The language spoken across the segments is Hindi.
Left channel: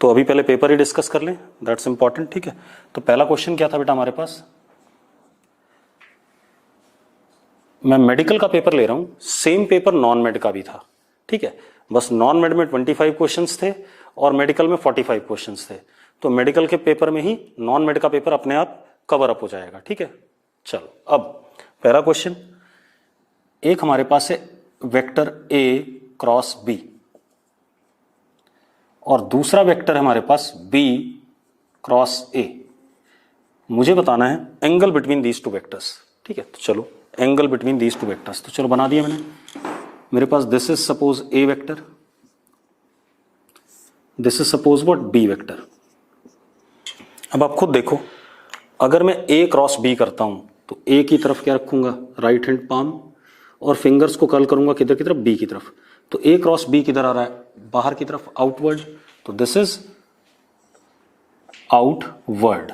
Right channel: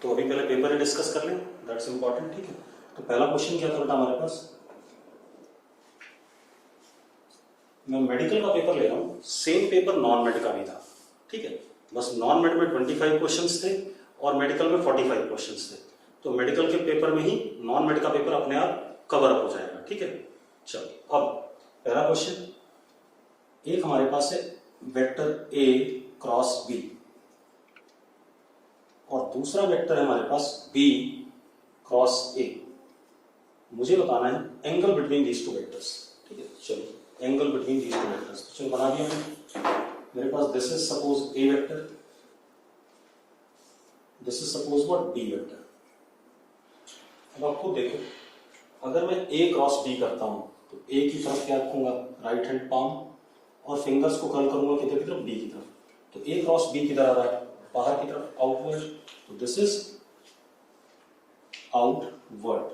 तो अभी पहले पेपर ही डिस्कस कर लें, दैट्स इंपॉर्टेंट। ठीक है, तो पहला क्वेश्चन क्या था बेटा हमारे पास, मैं मेडिकल का पेपर ले रहा हूं, सेम पेपर नॉन मेड का भी था। ठीक है, बस नॉन मेड में 25 क्वेश्चंस थे और मेडिकल में 45 क्वेश्चंस थे। तो मेडिकल के पेपर में ही नॉन मेड का पेपर अपने आप कवर अप हो जाएगा। ठीक है, चलो अब पहला क्वेश्चन, एक हमारे पास है वेक्टर ए क्रॉस बी और दूसरा वेक्टर है हमारे पास बी क्रॉस ए। मुझे बताना है angle between these two vectors. ठीक है, तो चलो angle between these two vectors, तो चलो बना दिया मैंने। मेरे पास this is suppose A vector, this is suppose what B vector. अब आप खुद देखो, अगर मैं ए क्रॉस बी करता हूं तो ए की तरफ क्या रखूंगा, राइट हैंड पाम, और फिंगर्स को कर्ल करूंगा किधर की तरफ, बी की तरफ। तो ए क्रॉस बी किधर आ रहा है, बाहर की तरफ, आउटवर्ड। तो दिस इज आउटवर्ड।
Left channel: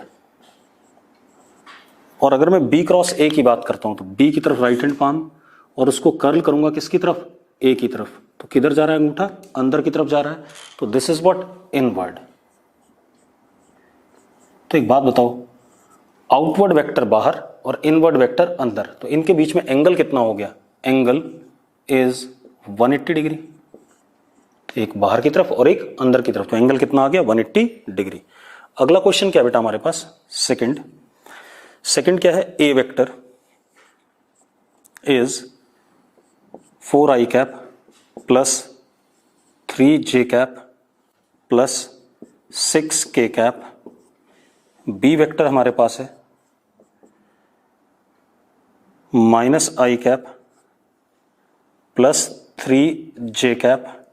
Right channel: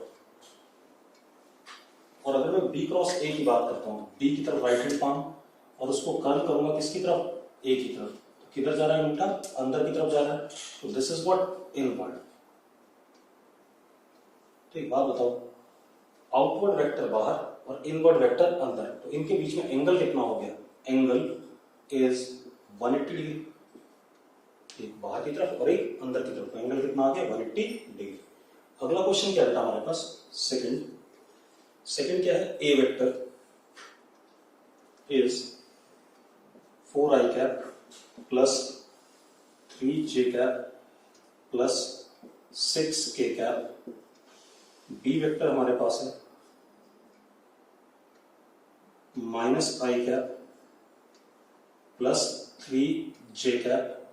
और अगर मैं बी क्रॉस ए की बात करता हूं तो बी की तरफ राइट हैंड पाम और उसको कर्ल करूंगा किसकी तरफ, ए की तरफ। तो किधर जा रहा है अंगूठा, अंदर की तरफ जा रहा है। तो दिस इज व्हाट, इनवर्ड। तो एक बात बताओ, आउटवर्ड वेक्टर बाहर और इनवर्ड वेक्टर अंदर, तो इनके बीच में एंगल कितना हो गया, एंगल इज 180 डिग्री। एक बाहर की तरफ और एक अंदर की तरफ, तो एंगल कितना आ गया, 180 डिग्री। अगला क्वेश्चन क्या बेटा हमारे पास, सेकंड क्या है, A vector is 4i cap plus 3j cap plus 6k cap. B vector हमारे पास है -i cap plus 3j cap,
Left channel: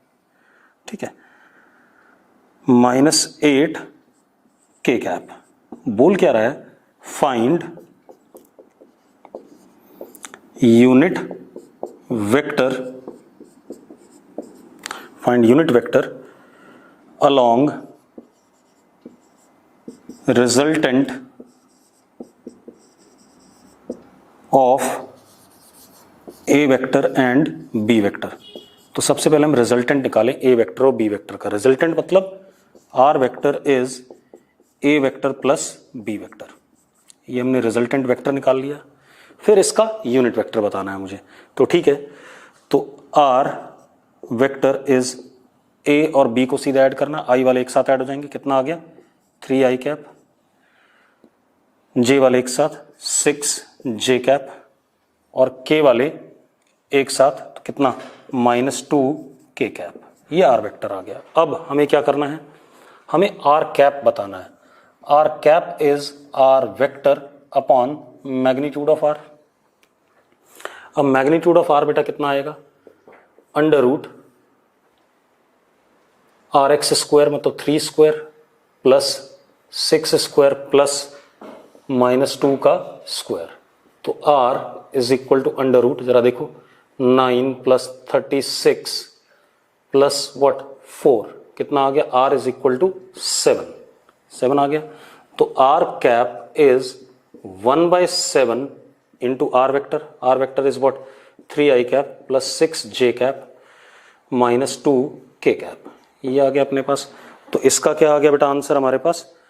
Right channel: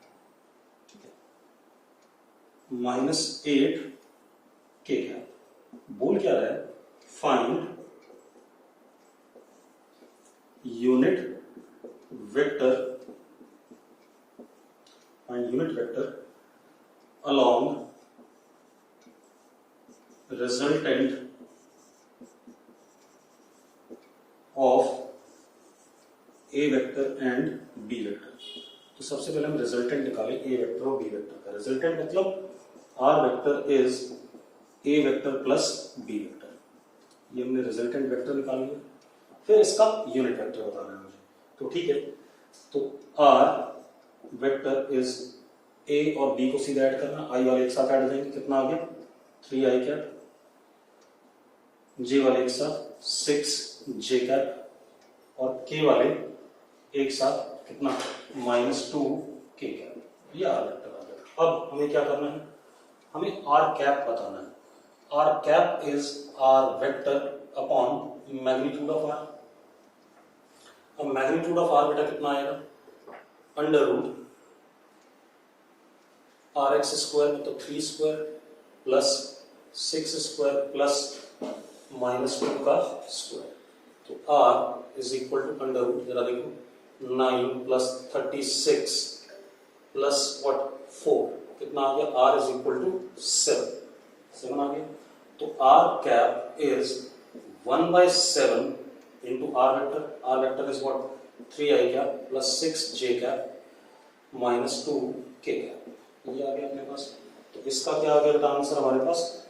ठीक है, -8k कैप। बोल क्या रहा है, find unit vector along resultant of A vector and B vector. तो सबसे पहले हम रिजल्टेंट निकालें ए वेक्टर और बी वेक्टर का। रिजल्टेंट मतलब R vector is A vector plus B vector, ये हमने रिजल्टेंट वेक्टर निकाल लिया। फिर इसका यूनिट वेक्टर बताना है मुझे। तो ठीक है, तो आर वेक्टर इज ए और बी को सीधा ऐड करना, आई वाले एक साथ ऐड हो जाएंगे, कितना आ गया 3i कैप, जे वाले एक साथ 6j कैप और के वाले एक साथ तो कितना -2k कैप। ये आर वेक्टर आ गया। अब हमें क्या करना है, हमें आर कैप बताना है। R cap is R vector upon magnitude of R. अब मैग्नीट्यूड ऑफ आर बेटा कितना आएगा, √RX² मतलब 3 स्क्वायर प्लस 6 स्क्वायर प्लस -2 का स्क्वायर। तो R इज इक्वल टू √, जरा देखो, 9 प्लस 36 प्लस व्हाट 4, कितना आ गया, R इज इक्वल टू 7 आ गया। तो R cap is 1/7 into R vector is what 3i cap plus 6j cap -2k cap. ये आ गया अपने पास। तो इसका क्या आ गया बेटा आंसर हमारे पास,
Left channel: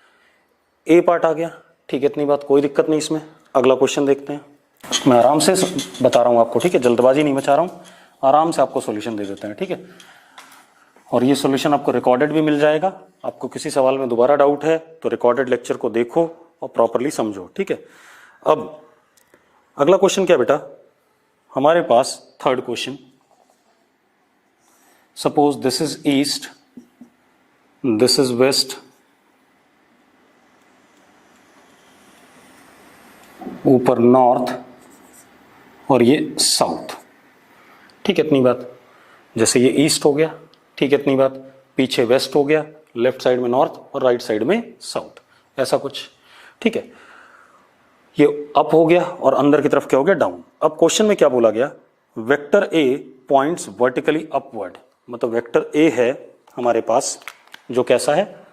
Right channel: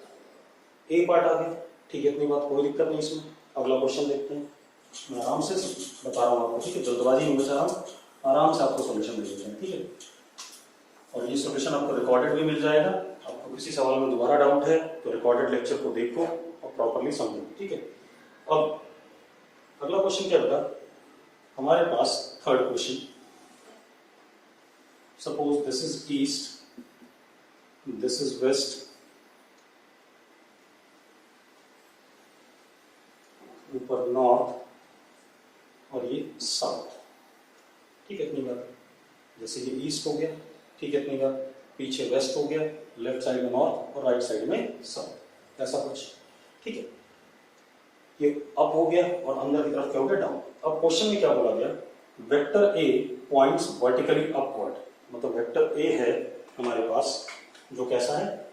ए पार्ट आ गया। ठीक है, इतनी बात, कोई दिक्कत नहीं इसमें। अगला क्वेश्चन देखते हैं। मैं आराम से बता रहा हूँ आपको, ठीक है, जल्दबाजी नहीं मचा रहा हूँ, आराम से आपको सॉल्यूशन दे देते हैं। ठीक है, और ये सॉल्यूशन आपको रिकॉर्डेड भी मिल जाएगा। आपको किसी सवाल में दोबारा डाउट है तो रिकॉर्डेड लेक्चर को देखो और प्रॉपरली समझो। ठीक है, अब अगला क्वेश्चन क्या बेटा हमारे पास, third question, suppose this is east, this is west, ऊपर नॉर्थ और ये साउथ। ठीक है, इतनी बात। जैसे ये ईस्ट हो गया, ठीक है, इतनी बात, पीछे वेस्ट हो गया, लेफ्ट साइड में नॉर्थ और राइट साइड में साउथ, ऐसा कुछ। ठीक है, ये अप हो गया और अंदर की तरफ क्या हो गया, डाउन। अब क्वेश्चन में क्या बोला गया, vector A points vertically upward, मतलब वेक्टर ए है हमारे पास जो कैसा है,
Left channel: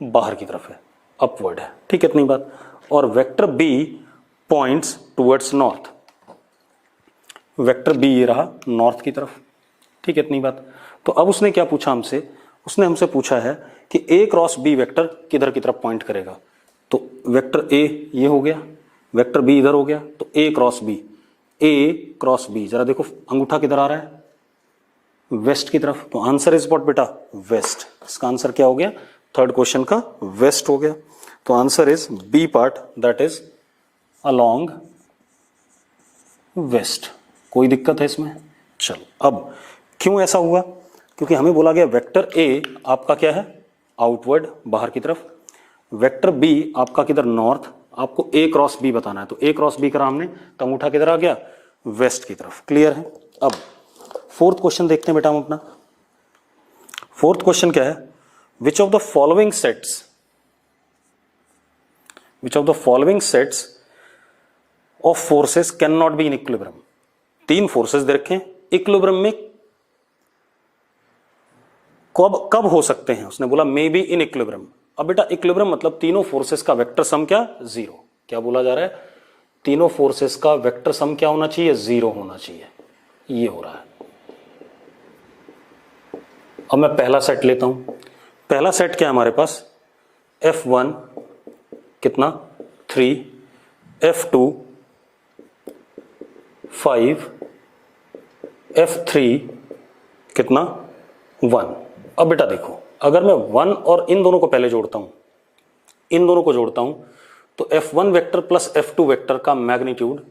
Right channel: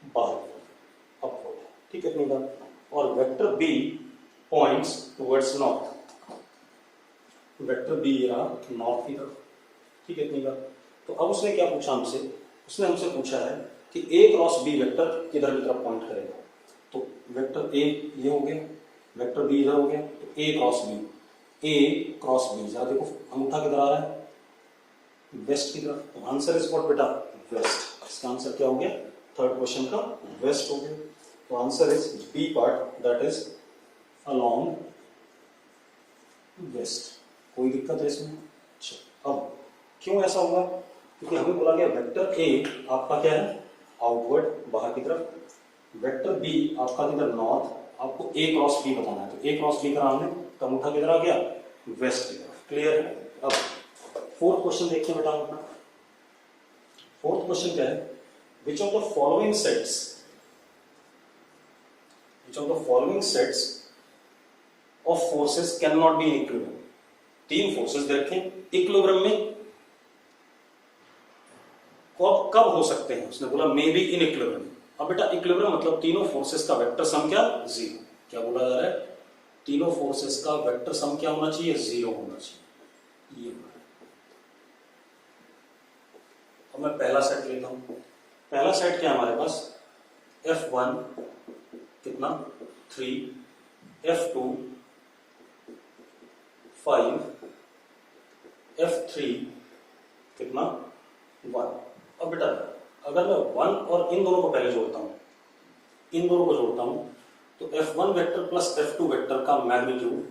बाहर की तरफ है, अपवर्ड है। ठीक है, इतनी बात। और vector B points towards north, vector B ये रहा नॉर्थ की तरफ। ठीक है, इतनी बात। तो अब उसने क्या पूछा हमसे, उसने हमसे पूछा है कि ए क्रॉस बी वेक्टर किधर की तरफ पॉइंट करेगा। तो वेक्टर ए ये हो गया, वेक्टर बी इधर हो गया, तो ए क्रॉस बी, ए क्रॉस बी, जरा देखो अंगूठा किधर आ रहा है, वेस्ट की तरफ। तो आंसर इज व्हाट बेटा, वेस्ट। इसका आंसर क्या हो गया, थर्ड क्वेश्चन का वेस्ट हो गया। तो answer is B part, that is along west. कोई दिक्कत है इसमें? चलो, अब क्यों ऐसा हुआ, क्योंकि हमें बोला गया वेक्टर ए आपका क्या है, आउटवर्ड, बाहर की तरफ, वेक्टर बी आपका किधर, नॉर्थ, आपको ए क्रॉस बी बताना है। तो ए क्रॉस बी करा हमने, तो अंगूठा किधर आ गया, वेस्ट की तरफ। क्लियर है? अब फोर्थ क्वेश्चन देखते हैं बेटा हम अपना। फोर्थ क्वेश्चन क्या है, विच of the following sets, which of the following sets of forces can not be in equilibrium. तीन फोर्सेस दे रखे हैं, इक्विलिब्रियम में कब हो सकते हैं, उसने बोला मे बी इन इक्विलिब्रियम। अब बेटा इक्विलिब्रियम मतलब तीनों फोर्सेस का वेक्टर सम क्या, जीरो। क्या बोला जा रहा है, तीनों फोर्सेस का वेक्टर सम क्या होना चाहिए, जीरो होना चाहिए। ये हो रहा है। अब मैं पहला सेट लेता हूं। पहला सेट क्या है हमारे पास, F1 कितना 3, F2 5, F3 कितना 1। अब बेटा देखो, अगर मैं 1 और इन दोनों को पहले जोड़ता हूं, इन दोनों को जोड़ता हूं, तो F1 vector plus F2 vector का मैग्नीट्यूड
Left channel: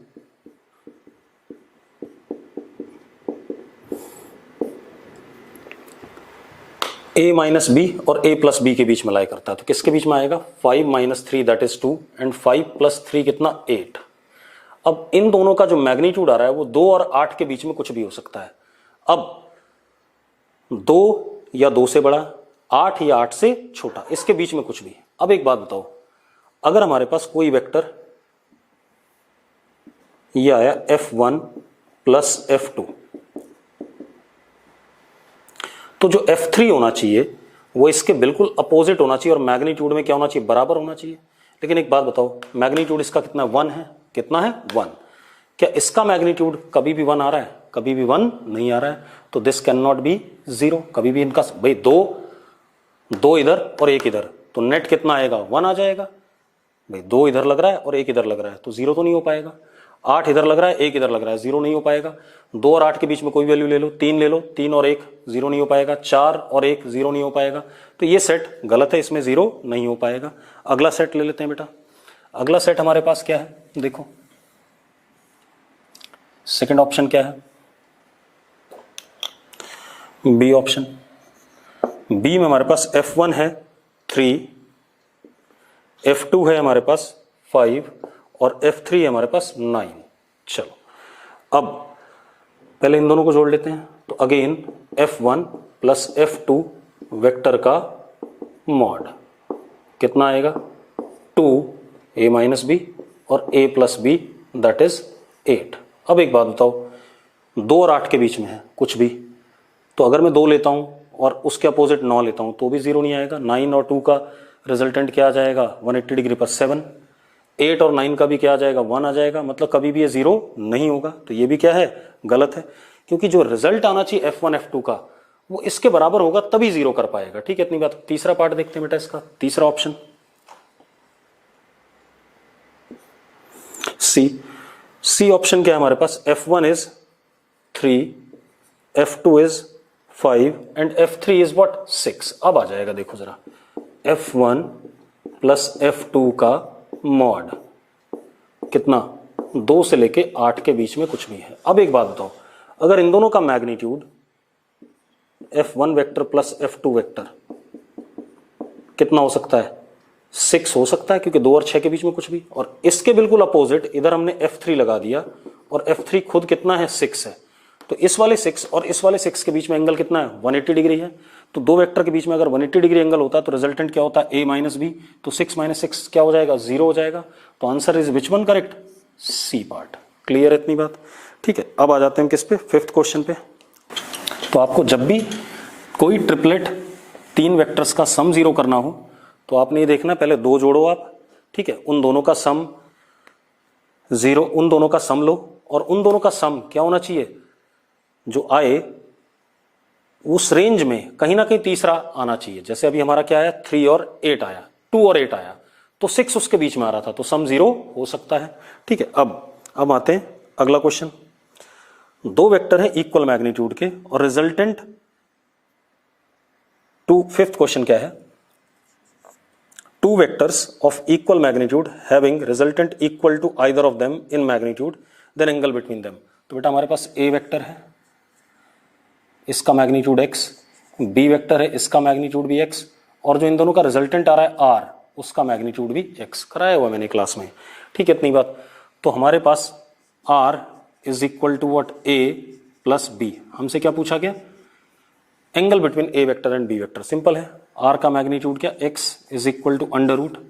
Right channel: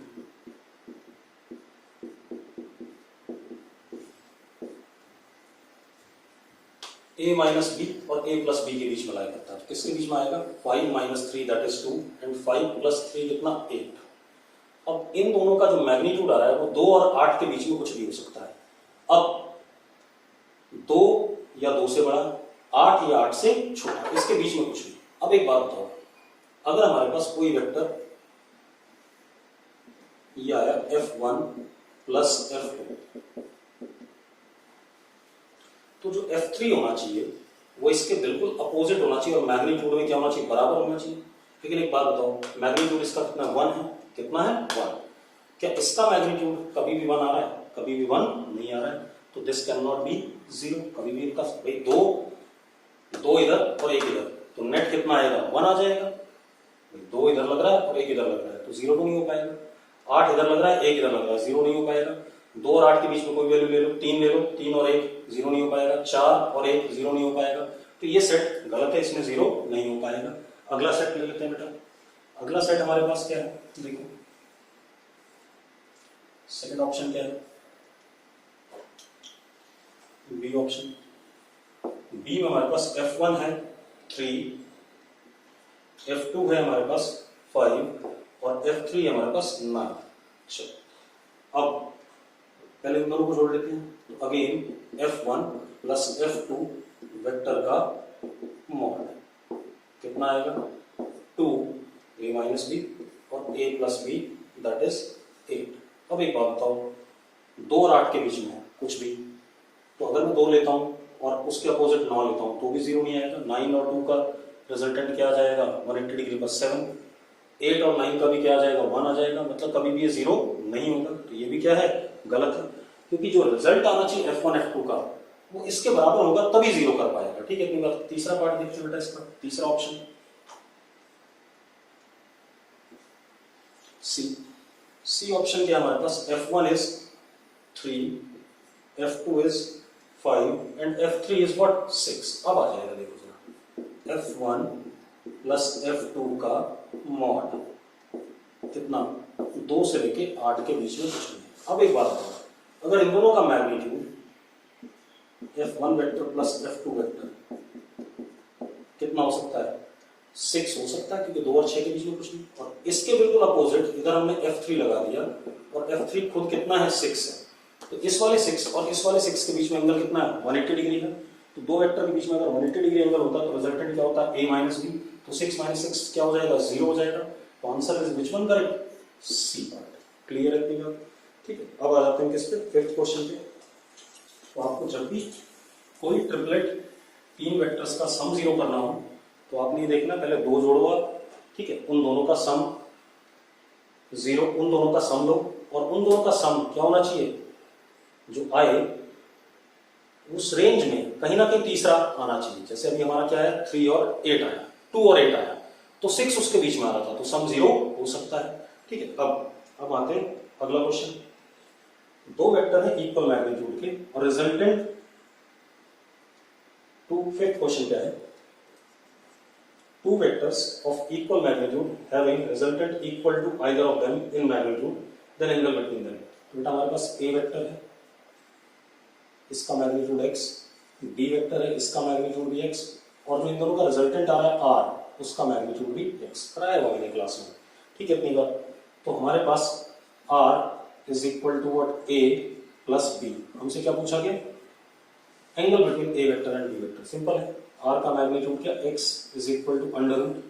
a माइनस बी और a प्लस बी के बीच में लाई करता है। तो किसके बीच में आएगा, 5 minus 3 that is 2 and 5 plus 3 कितना 8। अब इन दोनों का जो मैग्नीट्यूड आ रहा है वो 2 और 8 के बीच में कुछ भी हो सकता है। अब 2 या 2 से बड़ा, 8 या 8 से छोटा, इसके बीच में कुछ भी। अब एक बात बताओ, अगर हमारे पास कोई वेक्टर ये आया F1 प्लस F2, तो जो F3 होना चाहिए वो इसके बिल्कुल अपोजिट होना चाहिए और मैग्नीट्यूड में क्या होना चाहिए, बराबर होना चाहिए। लेकिन एक बात बताओ, मैग्नीट्यूड इसका कितना 1 है, कितना है 1। क्या इसका मैग्नीट्यूड कभी भी 1 आ रहा है, कभी भी 1 नहीं आ रहा है। तो दिस कैन नॉट बी 0, कभी भी इनका, भाई दो इधर और एक इधर, तो नेट कितना आएगा 1 आ जाएगा। भाई 2 इधर लग रहा है और 1 इधर लग रहा है, तो 0 तो नहीं हो पाएगा। 8 इधर लग रहा है, 1 इधर लग रहा है, 0 नहीं हो पाएगा। 2 और 8 के बीच में कोई वैल्यू ले लो, 3 ले लो, 3 और 1 0 नहीं हो पाएगा। 4 और 1 0 नहीं हो पाएगा। तो ये सेट गलत है, इसमें 0 नहीं हो पाएगा। अगला सेट ले लेते हैं बेटा। अगला सेट हमारे पास क्या है, देखो सेकंड ऑप्शन क्या है, बी ऑप्शन। बी में हमारे पास F1 है 3, F2 है हमारे पास 5 और F3 है हमारे पास 9। चलो अब पहले इन दोनों को जोड़ लेते हैं। तो again F1 plus F2 vector का मॉड कितना आएगा, 2a माइनस बी और a plus B that is 8। अब एक बात बताओ, 2 और 8 के बीच में है कुछ भी, तो अगर मैं 2 लेता हूं और उसके अपोजिट 9 लेता हूं तो भी 0 नहीं आएगा। 9 और 2 का रिजल्टेंट क्या आ जाएगा, 180 डिग्री पर 7। 8 और 9 का भी क्या आ जाएगा, 1 आ जाएगा। मतलब कभी भी ये 0 नहीं होगा। तो ये भी क्या है, गलत है, क्योंकि जो रिजल्ट आना चाहिए F1 F2 का वो इसके बराबर होगा तभी 0 कर पाएगा। ठीक है, इतनी बात। तीसरा पार्ट देखते हैं बेटा इसका, तीसरा ऑप्शन सी ऑप्शन क्या है हमारे पास, F1 is 3, F2 is 5 and F3 is what 6। अब आ जाएगा, देखो जरा, F1 प्लस F2 का मॉड कितना, 2 से लेके 8 के बीच में कुछ भी है। अब एक बात बताओ, अगर इन दोनों का magnitude F1 vector plus F2 vector कितना हो सकता है, 6 हो सकता है, क्योंकि 2 और 6 के बीच में कुछ भी। और इसके बिल्कुल अपोजिट इधर हमने F3 लगा दिया और F3 खुद कितना है, 6 है। तो इस वाले 6 और इस वाले 6 के बीच में एंगल कितना है, 180 डिग्री है। तो दो वेक्टर के बीच में अगर 180 डिग्री एंगल होता है तो रिजल्टेंट क्या होता है, a माइनस बी। तो 6 माइनस 6 क्या हो जाएगा, 0 हो जाएगा। तो answer is which one correct, C part. Clear है इतनी बात? ठीक है, अब आ जाते हैं किस पे, फिफ्थ क्वेश्चन पे। तो आपको जब भी कोई ट्रिपलेट 3 वेक्टर्स का सम 0 करना हो तो आपने ये देखना, पहले 2 जोड़ो आप, ठीक है, उन दोनों का सम 0, उन दोनों का सम लो और उन दोनों का सम क्या होना चाहिए, जो आए उस रेंज में कहीं ना कहीं तीसरा आना चाहिए। जैसे अभी हमारा क्या है, 3 और 8 आया, 2 और 8 आया, तो 6 उसके बीच में आ रहा था, तो सम 0 हो सकता है। ठीक है, अब आते हैं अगला क्वेश्चन। दो वेक्टर है इक्वल मैग्नीट्यूड के और रिजल्टेंट टू, फिफ्थ क्वेश्चन क्या है, two vectors of equal magnitude having resultant equal to either of them in magnitude, then angle between them. तो बेटा हमारे पास ए वेक्टर है, इसका मैग्नीट्यूड x, बी वेक्टर है, इसका मैग्नीट्यूड भी x, और जो इन दोनों का रिजल्टेंट आ रहा है r, उसका मैग्नीट्यूड भी x। कराया हुआ मैंने क्लास में। ठीक है, इतनी बात। तो हमारे पास r is equal to what, a plus b। हमसे क्या पूछा गया, angle between A vector and B vector. Simple है, r का मैग्नीट्यूड क्या, x is equal to under root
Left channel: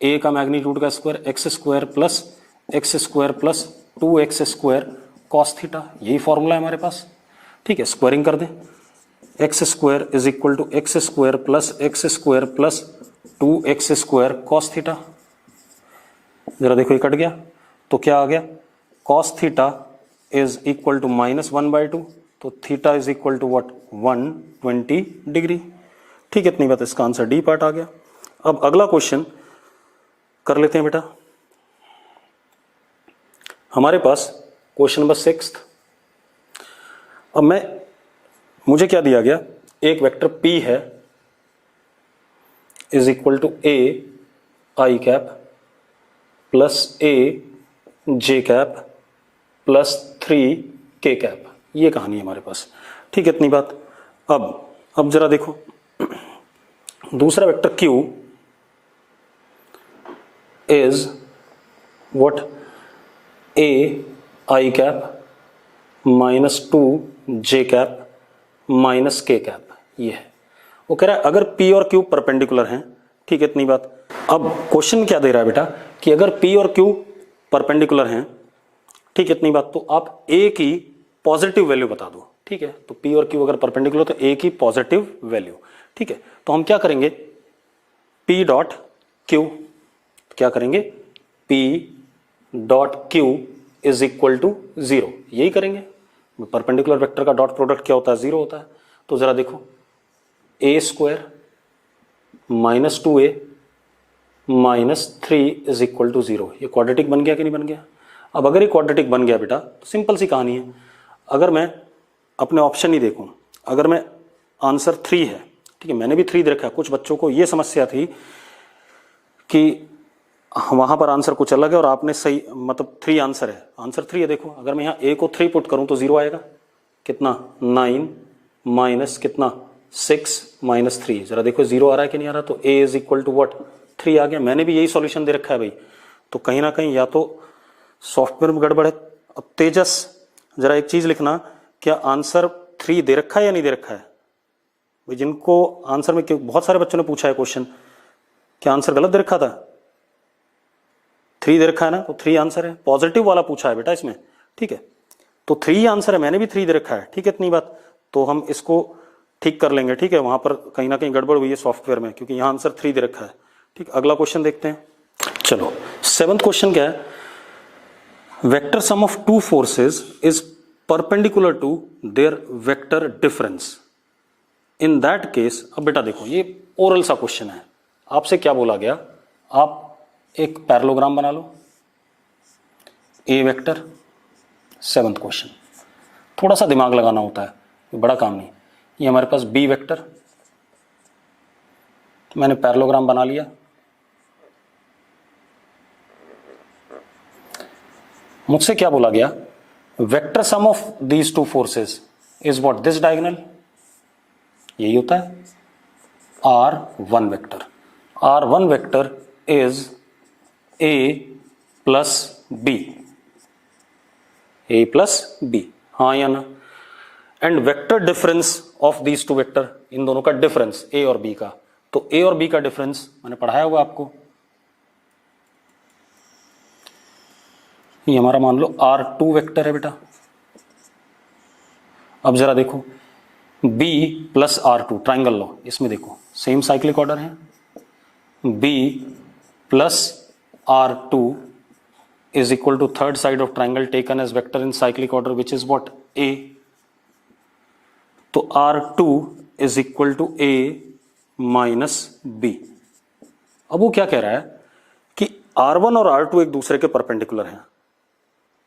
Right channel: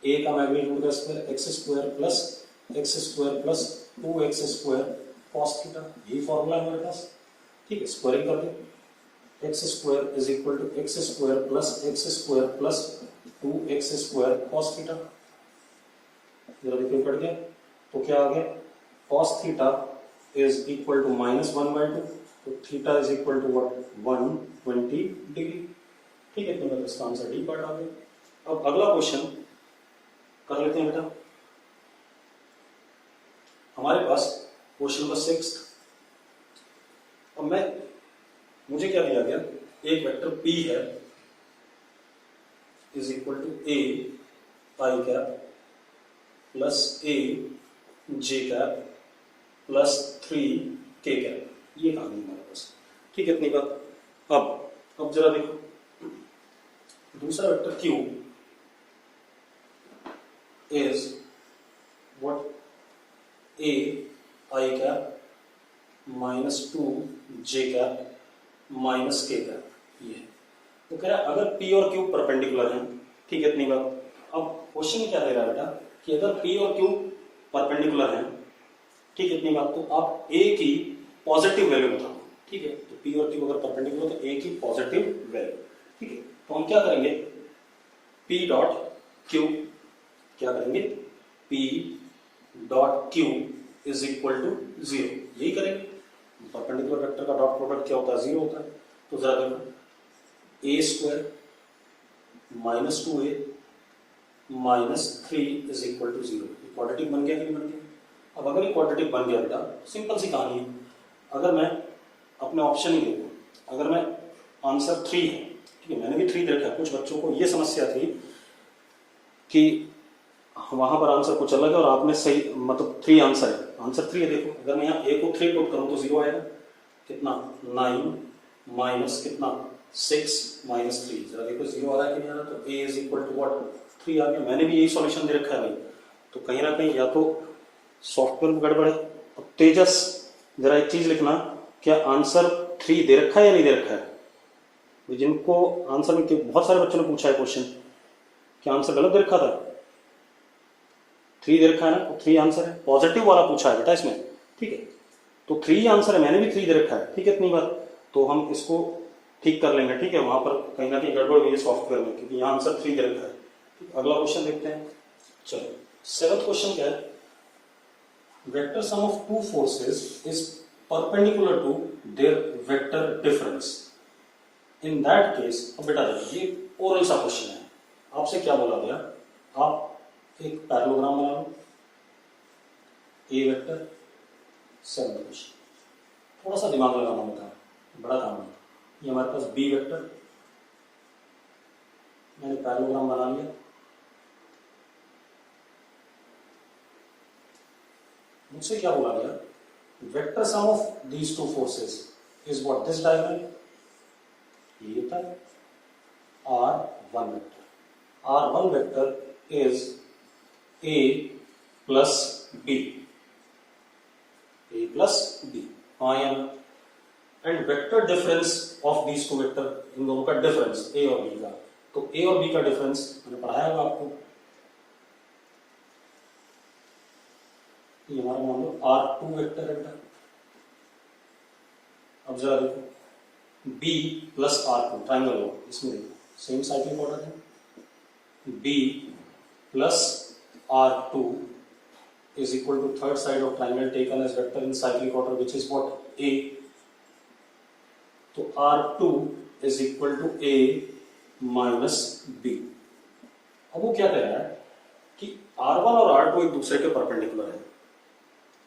a का मैग्नीट्यूड का square x square plus 2x square cos theta. यही फॉर्मूला है हमारे पास। ठीक है, स्क्वायरिंग कर दें, X square is equal to X square plus 2x square cos theta. जरा देखो ये कट गया, तो क्या आ गया, cos theta is equal to -1/2, तो theta is equal to what, 120 degree. ठीक है, इतनी बात, इसका आंसर डी पार्ट आ गया। अब अगला क्वेश्चन कर लेते हैं बेटा। हमारे पास क्वेश्चन नंबर 6। अब मुझे क्या दिया गया, एक वेक्टर p है is equal to a i cap plus a j cap plus 3 k cap. ये कहानी है हमारे पास। ठीक है, इतनी बात। अब जरा देखो, दूसरा vector q is what, a i cap -2 j cap minus के कैप। ये है, वो कह रहा है अगर p और q परपेंडिकुलर हैं। ठीक है, इतनी बात। अब क्वेश्चन क्या दे रहा है बेटा, कि अगर p और q परपेंडिकुलर हैं, ठीक है, इतनी बात, तो आप a की पॉजिटिव वैल्यू बता दो। ठीक है, तो p और q अगर परपेंडिकुलर तो a की पॉजिटिव वैल्यू। ठीक है, तो हम क्या करेंगे, p डॉट q, क्या करेंगे, p dot q is equal to 0, यही करेंगे। परपेंडिकुलर वेक्टर का डॉट प्रोडक्ट क्या होता है, 0 होता है। तो जरा देखो, a square minus 2a minus 3 is equal to 0। ये क्वाड्रेटिक बन गया कि नहीं बन गया। अब अगर ये क्वाड्रेटिक बन गया बेटा, तो सिंपल सी कहानी है, अगर मैं अपने ऑप्शन ही देखूं, अगर मैं आंसर 3 है, ठीक है, मैंने भी 3 दे रखा है। कुछ बच्चों को ये समस्या थी कि वहां पर आंसर कुछ अलग है और आपने सही, मतलब 3 आंसर है, आंसर 3 है। देखो, अगर मैं यहाँ a को 3 पुट करूं तो 0 आएगा, कितना, 9 माइनस कितना, 6 माइनस 3। जरा देखो 0 आ रहा है कि नहीं आ रहा। तो a is equal to what, 3 आ गया। मैंने भी यही सॉल्यूशन दे रखा है भाई। तो कहीं ना कहीं या तो सॉफ्टवेयर में गड़बड़ है। अब तेजस, जरा एक चीज लिखना, क्या आंसर 3 दे रखा है या नहीं दे रखा है भाई। जिनको आंसर में, बहुत सारे बच्चों ने पूछा है क्वेश्चन, क्या आंसर गलत दे रखा था, 3 दे रखा है ना, तो 3 आंसर है। पॉजिटिव वाला पूछा है बेटा इसमें। ठीक है, तो 3 आंसर है, मैंने भी 3 दे रखा है। ठीक है, इतनी बात। तो हम इसको ठीक कर लेंगे। ठीक है, वहां पर कहीं ना कहीं गड़बड़ हुई है सॉफ्टवेयर में, क्योंकि यहाँ आंसर 3 दे रखा है। ठीक, अगला क्वेश्चन देखते हैं। चलो, 7th क्वेश्चन क्या है, vector sum of 2 forces is perpendicular to their vector difference, in that case. अब बेटा देखो, ये ओरल सा क्वेश्चन है, आपसे क्या बोला गया, आप एक पैरेललोग्राम बना लो, ए वेक्टर। 7th क्वेश्चन, थोड़ा सा दिमाग लगाना होता है, ये बड़ा काम नहीं। ये हमारे पास बी वेक्टर, मैंने पैरेललोग्राम बना लिया। मुझसे क्या बोला गया, vector sum of these 2 forces is what, this diagonal, यही होता है R1 vector. R1 vector is A plus B, A plus B, हाँ या ना। And vector difference of these 2 vector, इन दोनों का डिफरेंस A और B का, तो A और B का डिफरेंस मैंने पढ़ाया हुआ आपको। ये हमारा मान लो R2 वेक्टर है बेटा। अब जरा देखो, B प्लस R2 ट्राइंगल लो, इसमें देखो सेम साइक्लिक ऑर्डर है, B plus R2 is equal to third side of triangle taken as vector in cyclic order which is what, A। तो R2 is equal to A minus B। अब वो क्या कह रहा है कि R1 और R2 एक दूसरे के परपेंडिकुलर हैं,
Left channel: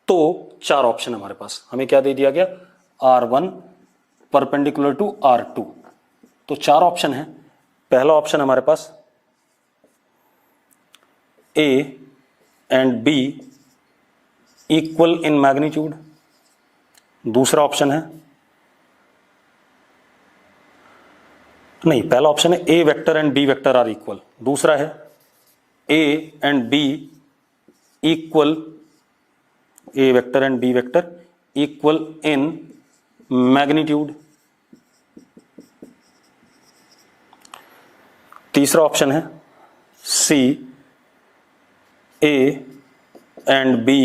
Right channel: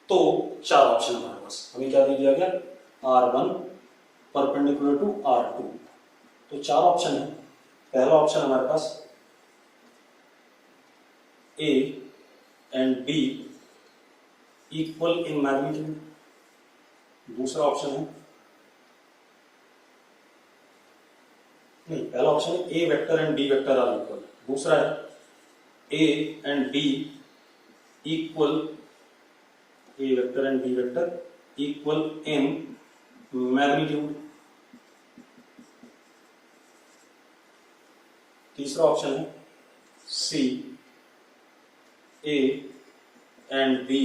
तो चार ऑप्शन हमारे पास, हमें क्या दे दिया गया, R1 परपेंडिकुलर टू R2, तो चार ऑप्शन है। पहला ऑप्शन हमारे पास A and B equal in magnitude, दूसरा ऑप्शन है, नहीं पहला ऑप्शन है A vector and B vector are equal, दूसरा है A and B equal, A vector and B vector equal in magnitude, तीसरा ऑप्शन है C A and B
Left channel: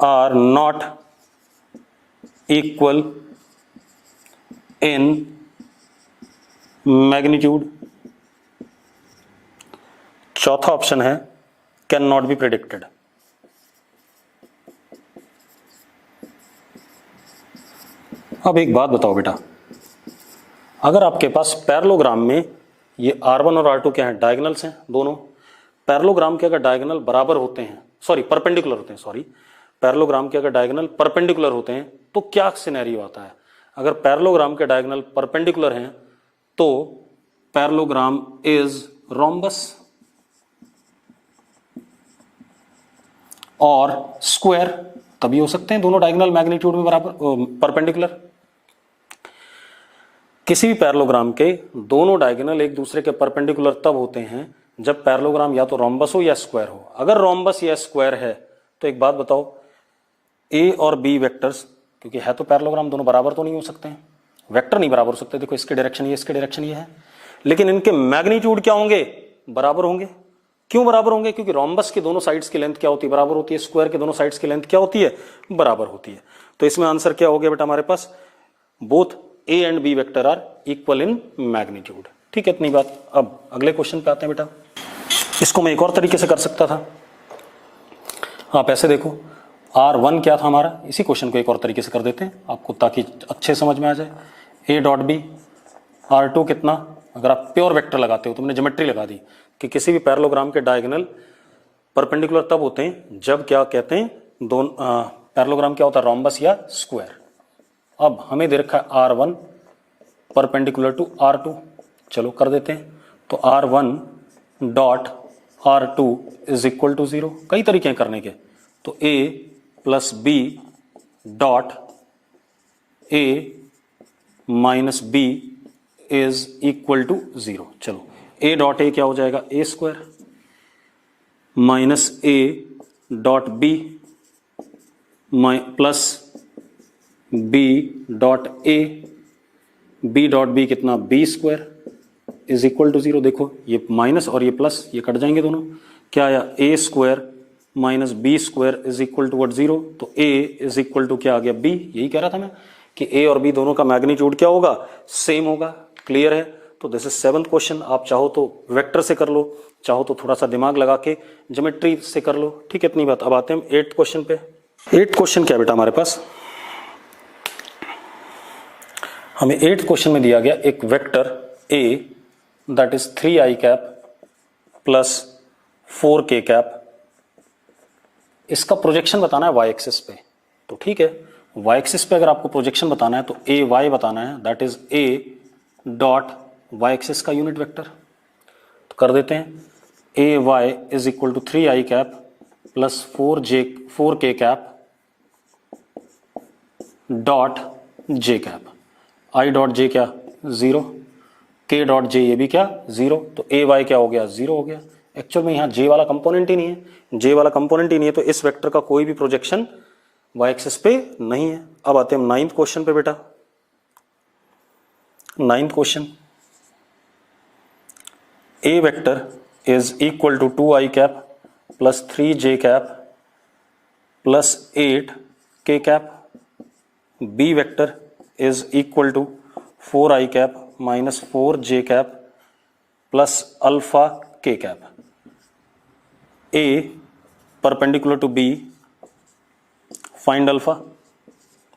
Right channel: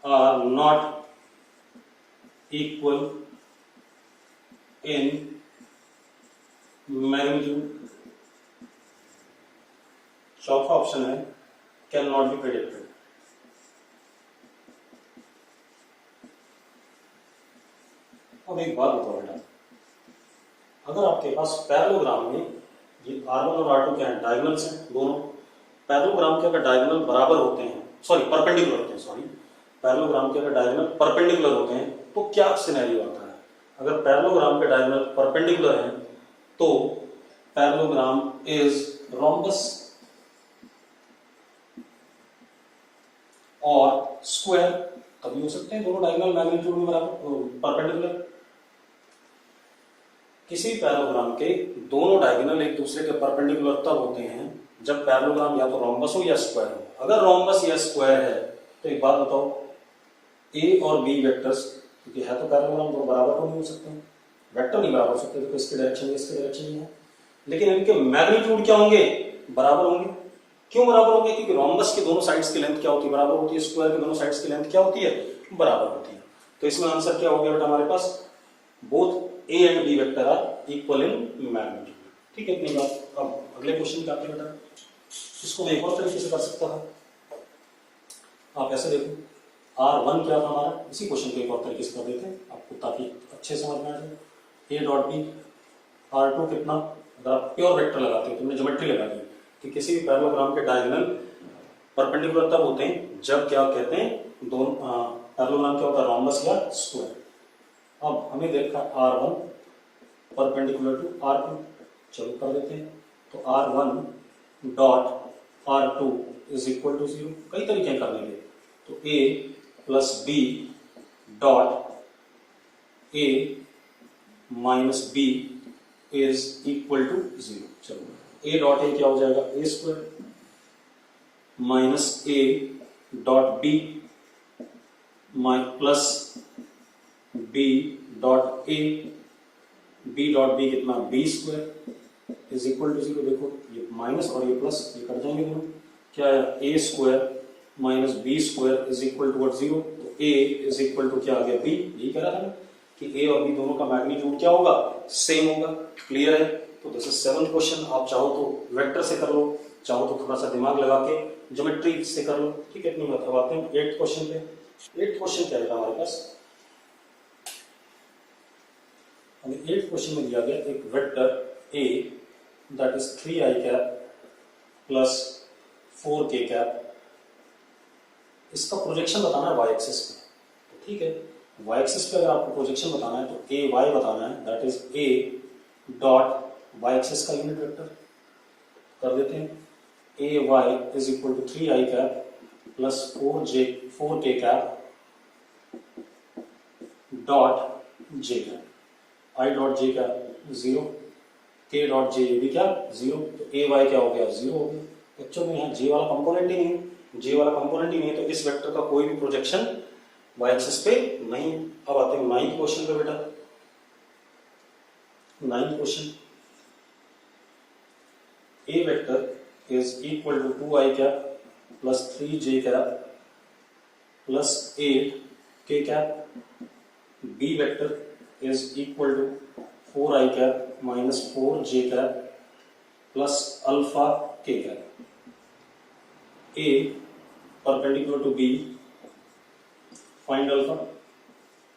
are not equal in magnitude, चौथा ऑप्शन है कैन नॉट बी प्रेडिक्टेड। अब एक बात बताओ बेटा, अगर आपके पास पैरेललोग्राम में ये R1 और R2 क्या है, डायगोनल्स हैं दोनों, पैरेललोग्राम के अगर डायगोनल बराबर होते हैं, सॉरी परपेंडिकुलर होते हैं, सॉरी पैरेललोग्राम के अगर डायगोनल परपेंडिकुलर होते हैं तो क्या सिनेरियो आता है, अगर पैरेललोग्राम के डायगोनल परपेंडिकुलर हैं तो पैरेललोग्राम इज रोम्बस और स्क्वायर, तभी हो सकते हैं दोनों डायगोनल मैग्नीट्यूड में बराबर परपेंडिकुलर। किसी भी पैरेललोग्राम के दोनों डायगोनल एक दूसरे के परपेंडिकुलर तब होते हैं जब पैरेललोग्राम या तो रोम्बस हो या स्क्वायर हो। अगर रोम्बस या स्क्वायर है तो एक बात बताओ, ए और बी वेक्टर्स, क्योंकि है तो पैरेललोग्राम, दोनों बराबर तो नहीं हो सकते हैं, वेक्टर नहीं बराबर हो सकते, देखो इसके डायरेक्शन ये, इसके डायरेक्शन ये है, लेकिन इनके मैग्नीट्यूड क्या होंगे, बराबर होंगे। क्यों बराबर होंगे, क्योंकि रोम्बस के दोनों साइड्स की लेंथ क्या होती है, बराबर होती है, स्क्वायर के दोनों साइड्स की लेंथ क्या होती है, बराबर होती है। तो इसमें आंसर क्या हो गया बेटा हमारे पास, both A and B vector are equal in magnitude. ठीक है, इतनी बात। अब अगले क्वेश्चन पे आते हैं बेटा, इसको मैं एक और तरीके से कर सकता था, आप ऐसे देखो, R1 क्या था हमारा, इसी क्वेश्चन को एक और तरीके से कर देते हैं आपको ताकि अच्छे समझ में आ जाए। A डॉट बी, R2 कितना, अगर आप प्योर वेक्टर लगाते हो तो मैंने ज्योमेट्री लगा दी कि किसी भी पैरेललोग्राम के डायगोनल परपेंडिकुलर तब होते हैं जब क्या कहते हैं, दोनों पैरेललोग्राम क्या होता है, रोम्बस या स्क्वायर। अब हमें दे रखा है R1 परपेंडिकुलर टू R2, चलो कर देते हैं। तो R1 dot R2 is equal to 0, कई तरीके हैं करने के, तो A plus B dot A minus B is equal to 0। चलो A डॉट A क्या हो जाएगा, A square minus A dot B plus B dot A, B dot B कितना, B square is equal to 0। देखो ये माइनस और ये प्लस ये कट जाएंगे दोनों, क्या आया, A square minus B square is equal to 0। तो A इज इक्वल टू क्या आ गया, B। यही कह रहा था मैं कि A और B दोनों का मैग्नीट्यूड क्या होगा, सेम होगा। क्लियर है। तो दिस इज 7th क्वेश्चन। आप चाहो तो वेक्टर से कर लो, चाहो तो थोड़ा सा दिमाग लगा के ज्योमेट्री से कर लो। ठीक है, इतनी बात। अब आते हैं 8th क्वेश्चन पे। 8th क्वेश्चन क्या बेटा हमारे पास, हमें 8th क्वेश्चन में दिया गया एक vector A that is 3i cap plus 4k cap, इसका प्रोजेक्शन बताना है वाई एक्सिस पे। तो ठीक है, वाई एक्सिस पे अगर आपको प्रोजेक्शन बताना है तो ए वाई बताना है, that is A dot Y axis का यूनिट वेक्टर। तो कर देते हैं, A Y is equal to 3i cap plus 4k cap dot J cap. I dot J क्या, 0, के डॉट जे ये भी क्या, 0। तो ए वाई क्या हो गया, 0 हो गया। एक्चुअल में यहाँ जे वाला कंपोनेंट ही नहीं है, जे वाला कंपोनेंट ही नहीं है, तो इस वेक्टर का कोई भी प्रोजेक्शन वाई एक्सिस पे नहीं है। अब आते हैं 9th क्वेश्चन पे बेटा। 9th question, A vector is equal to 2i cap plus 3j cap plus 8k cap, B vector is equal to 4i cap minus 4j cap plus alpha k cap. A perpendicular to B, find alpha.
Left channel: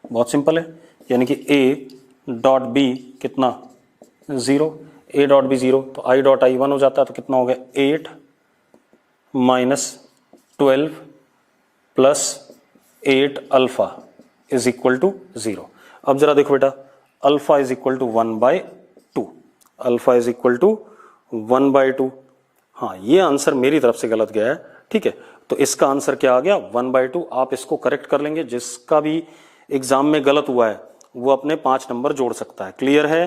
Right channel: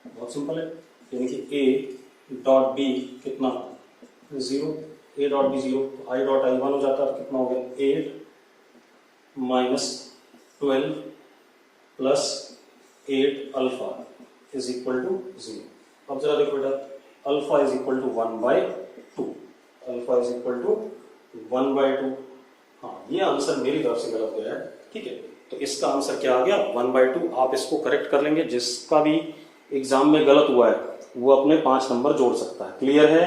बहुत सिंपल है, यानी कि a डॉट b कितना 0, a डॉट b 0, तो i डॉट i 1 हो जाता है, तो कितना हो गया 8 minus 12 plus 8 alpha is equal to 0। अब जरा देखो बेटा, alpha is equal to 1/2, alpha is equal to 1/2। हाँ, ये आंसर मेरी तरफ से गलत गया है, ठीक है। तो इसका आंसर क्या आ गया 1/2। आप इसको करेक्ट कर लेंगे, जिसका भी एग्जाम में गलत हुआ है वो अपने 5 नंबर जोड़ सकता है। क्लियर है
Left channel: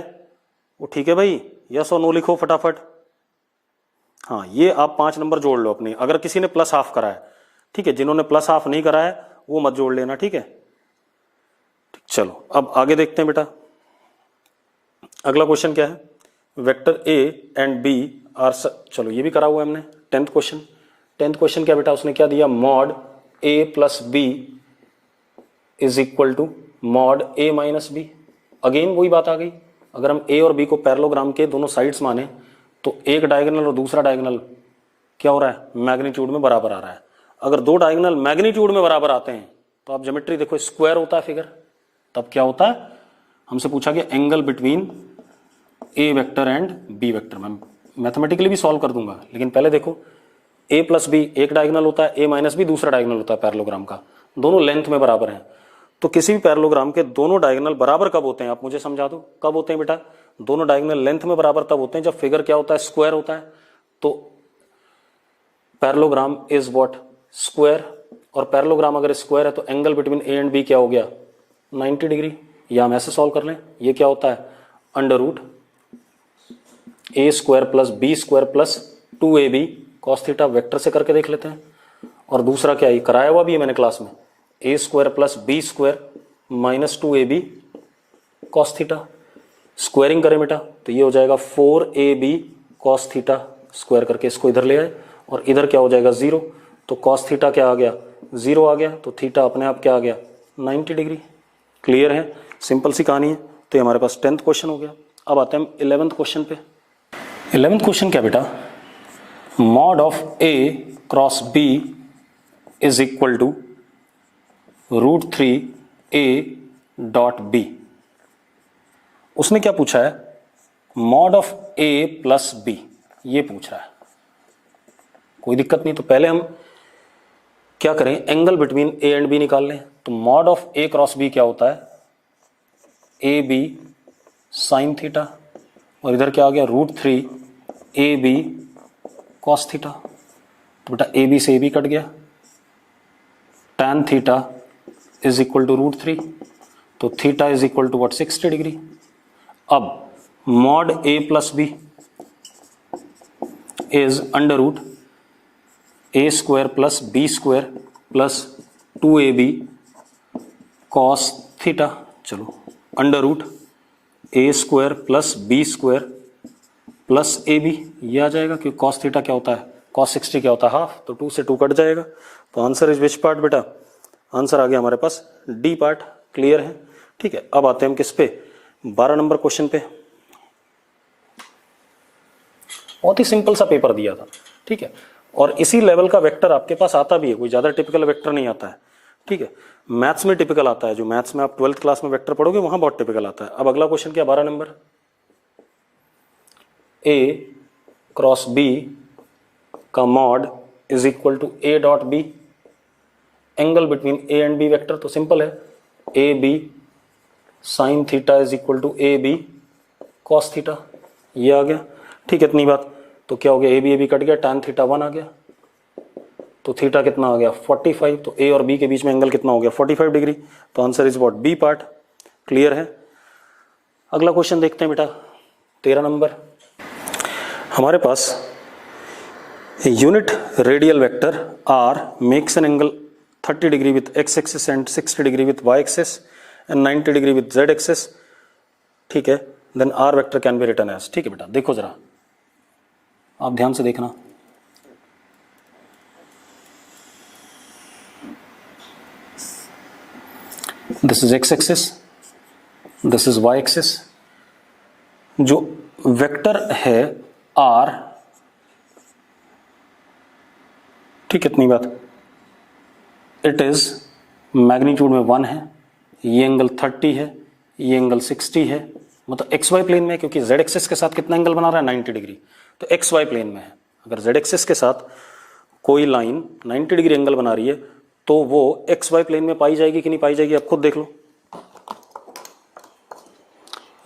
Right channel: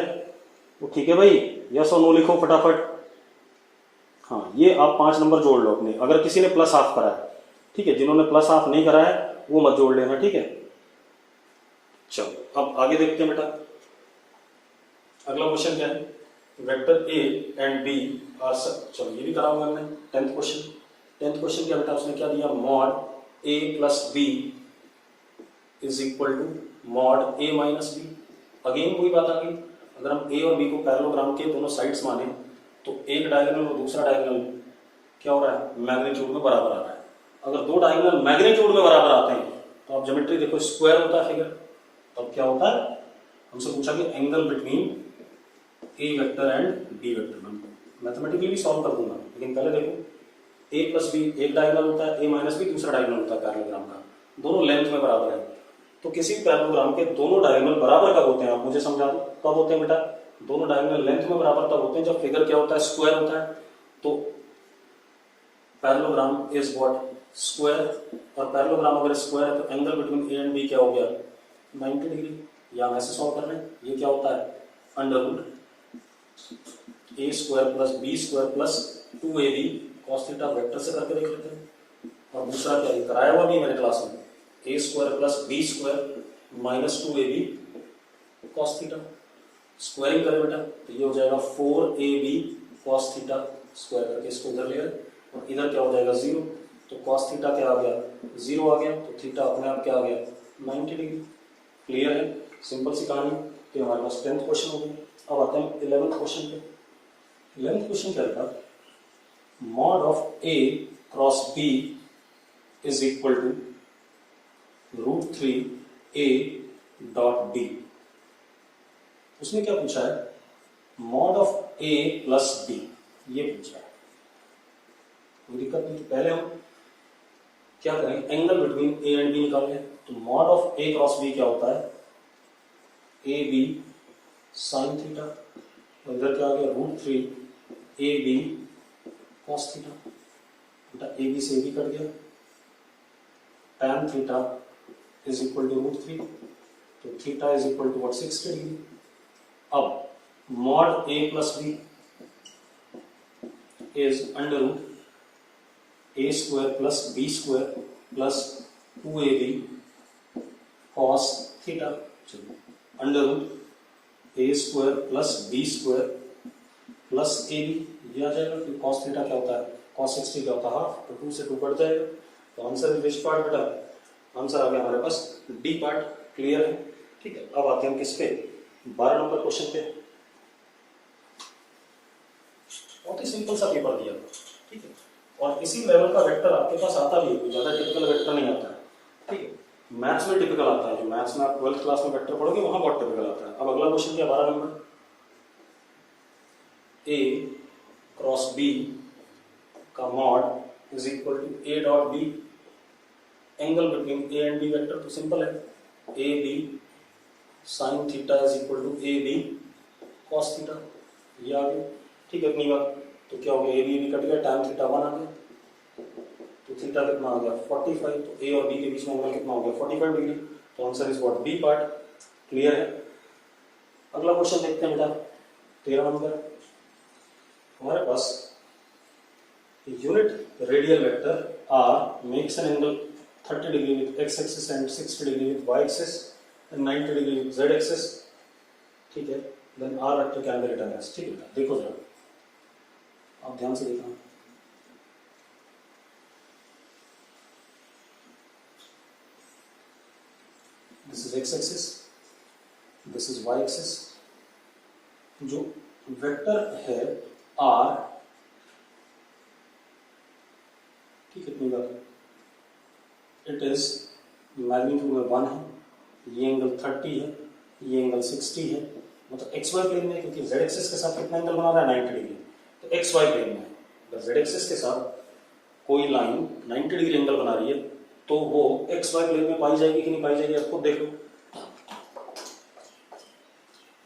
वो? ठीक है भाई, यस और नो लिखो फटाफट। हाँ, ये आप 5 नंबर जोड़ लो अपनी। अगर किसी ने प्लस हाफ करा है, ठीक है, जिन्होंने प्लस हाफ नहीं करा है वो मत जोड़ लेना, ठीक है। चलो अब आगे देखते हैं बेटा, अगला क्वेश्चन क्या है। Vector A and B are, चलो ये भी करा हुआ है हमने। 10th क्वेश्चन क्या बेटा, उसने क्या दिया, mod A plus B is equal to mod A minus B. Again वही बात आ गई, अगर हम ए और बी को पैरेललोग्राम के दोनों साइड्स माने तो एक डायगोनल और दूसरा डायगोनल क्या हो रहा है, मैग्नीट्यूड में बराबर आ रहा है। अगर दो डायगोनल मैग्नीट्यूड में बराबर आते हैं तो आप ज्योमेट्री देखो, स्क्वायर होता है फिगर, तब क्या होता है, हमसे पूछा गया angle between A vector and B vector. मैं मैथमेटिकली भी सॉल्व कर दूंगा, लेकिन पहले देखो, ए प्लस बी एक डायगोनल होता है, ए माइनस बी दूसरा डायगोनल होता है पैरेललोग्राम का, दोनों लेंथ में बराबर है। तो किसी भी पैरेललोग्राम के दोनों डायगोनल बराबर कब होते हैं, आप मुझे समझा दो, कब होते हैं बेटा। दोनों डायगोनल लेंथ में बराबर तब होते हैं जब फिगर क्या होता है, स्क्वायर होता है। तो पैरेललोग्राम इज व्हाट, स्क्वायर। और पैरेललोग्राम अगर स्क्वायर है तो angle between A and B क्या हो गया, 90 डिग्री। या हम ऐसे सॉल्व कर लें, ये क्या होता है, under root A square plus B square plus 2ab cos theta. Vector से करके देख लेते हैं। और दूसरा क्या है, कराया हुआ भी है मैंने क्लास में, A square plus B square minus 2ab cos theta. Squaring करें बेटा तो ये हो जाएगा 4ab कॉस थीटा, स्क्वायर करके इसको इधर ले आए और इधर क्या हो जाएगा 0, तो कॉस थीटा क्या आ गया 0 आ गया, तो थीटा अपने आप क्या आ गया 90 डिग्री। क्लियर है, सिंपल सी कहानी है। तो ये हमारे पास 10th क्वेश्चन हो गया। अब आते हैं हम 11th क्वेश्चन पे। 11th क्वेश्चन क्या बेटा, mod of A cross B is equal to √3a dot B. उसने क्या पूछा है, mod of A plus B, ये पूछ रहा है। कोई दिक्कत नहीं, तो पहले हम क्या करें, angle between A and B निकाल लें। तो mod of A cross B क्या होता है, ए बी साइन थीटा, और इधर क्या आ गया √3ab कॉस थीटा। तो बेटा ए बी से ए बी कट गया, tan theta is equal to √3, तो theta is equal to what 60 degree. अब mod A plus B is under root A square plus B square plus 2ab cos theta. चलो under root A square plus B square plus A B, ये आ जाएगा क्योंकि कॉस थीटा क्या होता है, कॉस 60 क्या होता है हाफ, तो 2 से 2 कट जाएगा। तो आंसर इज विच पार्ट बेटा, आंसर आ गया हमारे पास डी पार्ट। क्लियर है, ठीक है। अब आते हैं हम किस पे, 12 नंबर क्वेश्चन पे। बहुत ही सिंपल सा पेपर दिया था, ठीक है, और इसी लेवल का वेक्टर आपके पास आता भी है, कोई ज्यादा टिपिकल वेक्टर नहीं आता है, ठीक है। मैथ्स में टिपिकल आता है, जो मैथ्स में आप 12th क्लास में वेक्टर पढ़ोगे वहां बहुत टिपिकल आता है। अब अगला क्वेश्चन क्या, 12 नंबर, ए क्रॉस बी का mod is equal to A dot B, angle between A and B vector तो सिंपल है, A B sine theta is equal to A B cos theta, ये आ गया, ठीक है। इतनी बात, तो क्या हो गया, ए बी कट गया, tan थीटा 1 आ गया, तो थीटा कितना आ गया 45, तो ए और बी के बीच में एंगल कितना हो गया 45 डिग्री। तो answer is what, B part. Clear है। अगला क्वेश्चन देखते हैं बेटा, 13 नंबर। हमारे पास unit radial vector R makes an angle 30 degree with X axis and 60 degree with Y axis and 90 degree with Z axis, ठीक है। Then R vector can be written as, ठीक है बेटा। देखो जरा, आप ध्यान से देखना, this is X axis, this is Y axis. जो वेक्टर है आर, ठीक है, इतनी बात, इट इज मैग्नीट्यूड में 1 है, ये एंगल 30 है, ये एंगल 60 है, मतलब एक्स वाई प्लेन में है, क्योंकि जेड एक्सिस के साथ कितना एंगल बना रहा है 90 डिग्री, तो एक्स वाई प्लेन में है। अगर जेड एक्सिस के साथ कोई लाइन 90 डिग्री एंगल बना रही है तो वो एक्स वाई प्लेन में पाई जाएगी कि नहीं पाई जाएगी, आप खुद देख लो।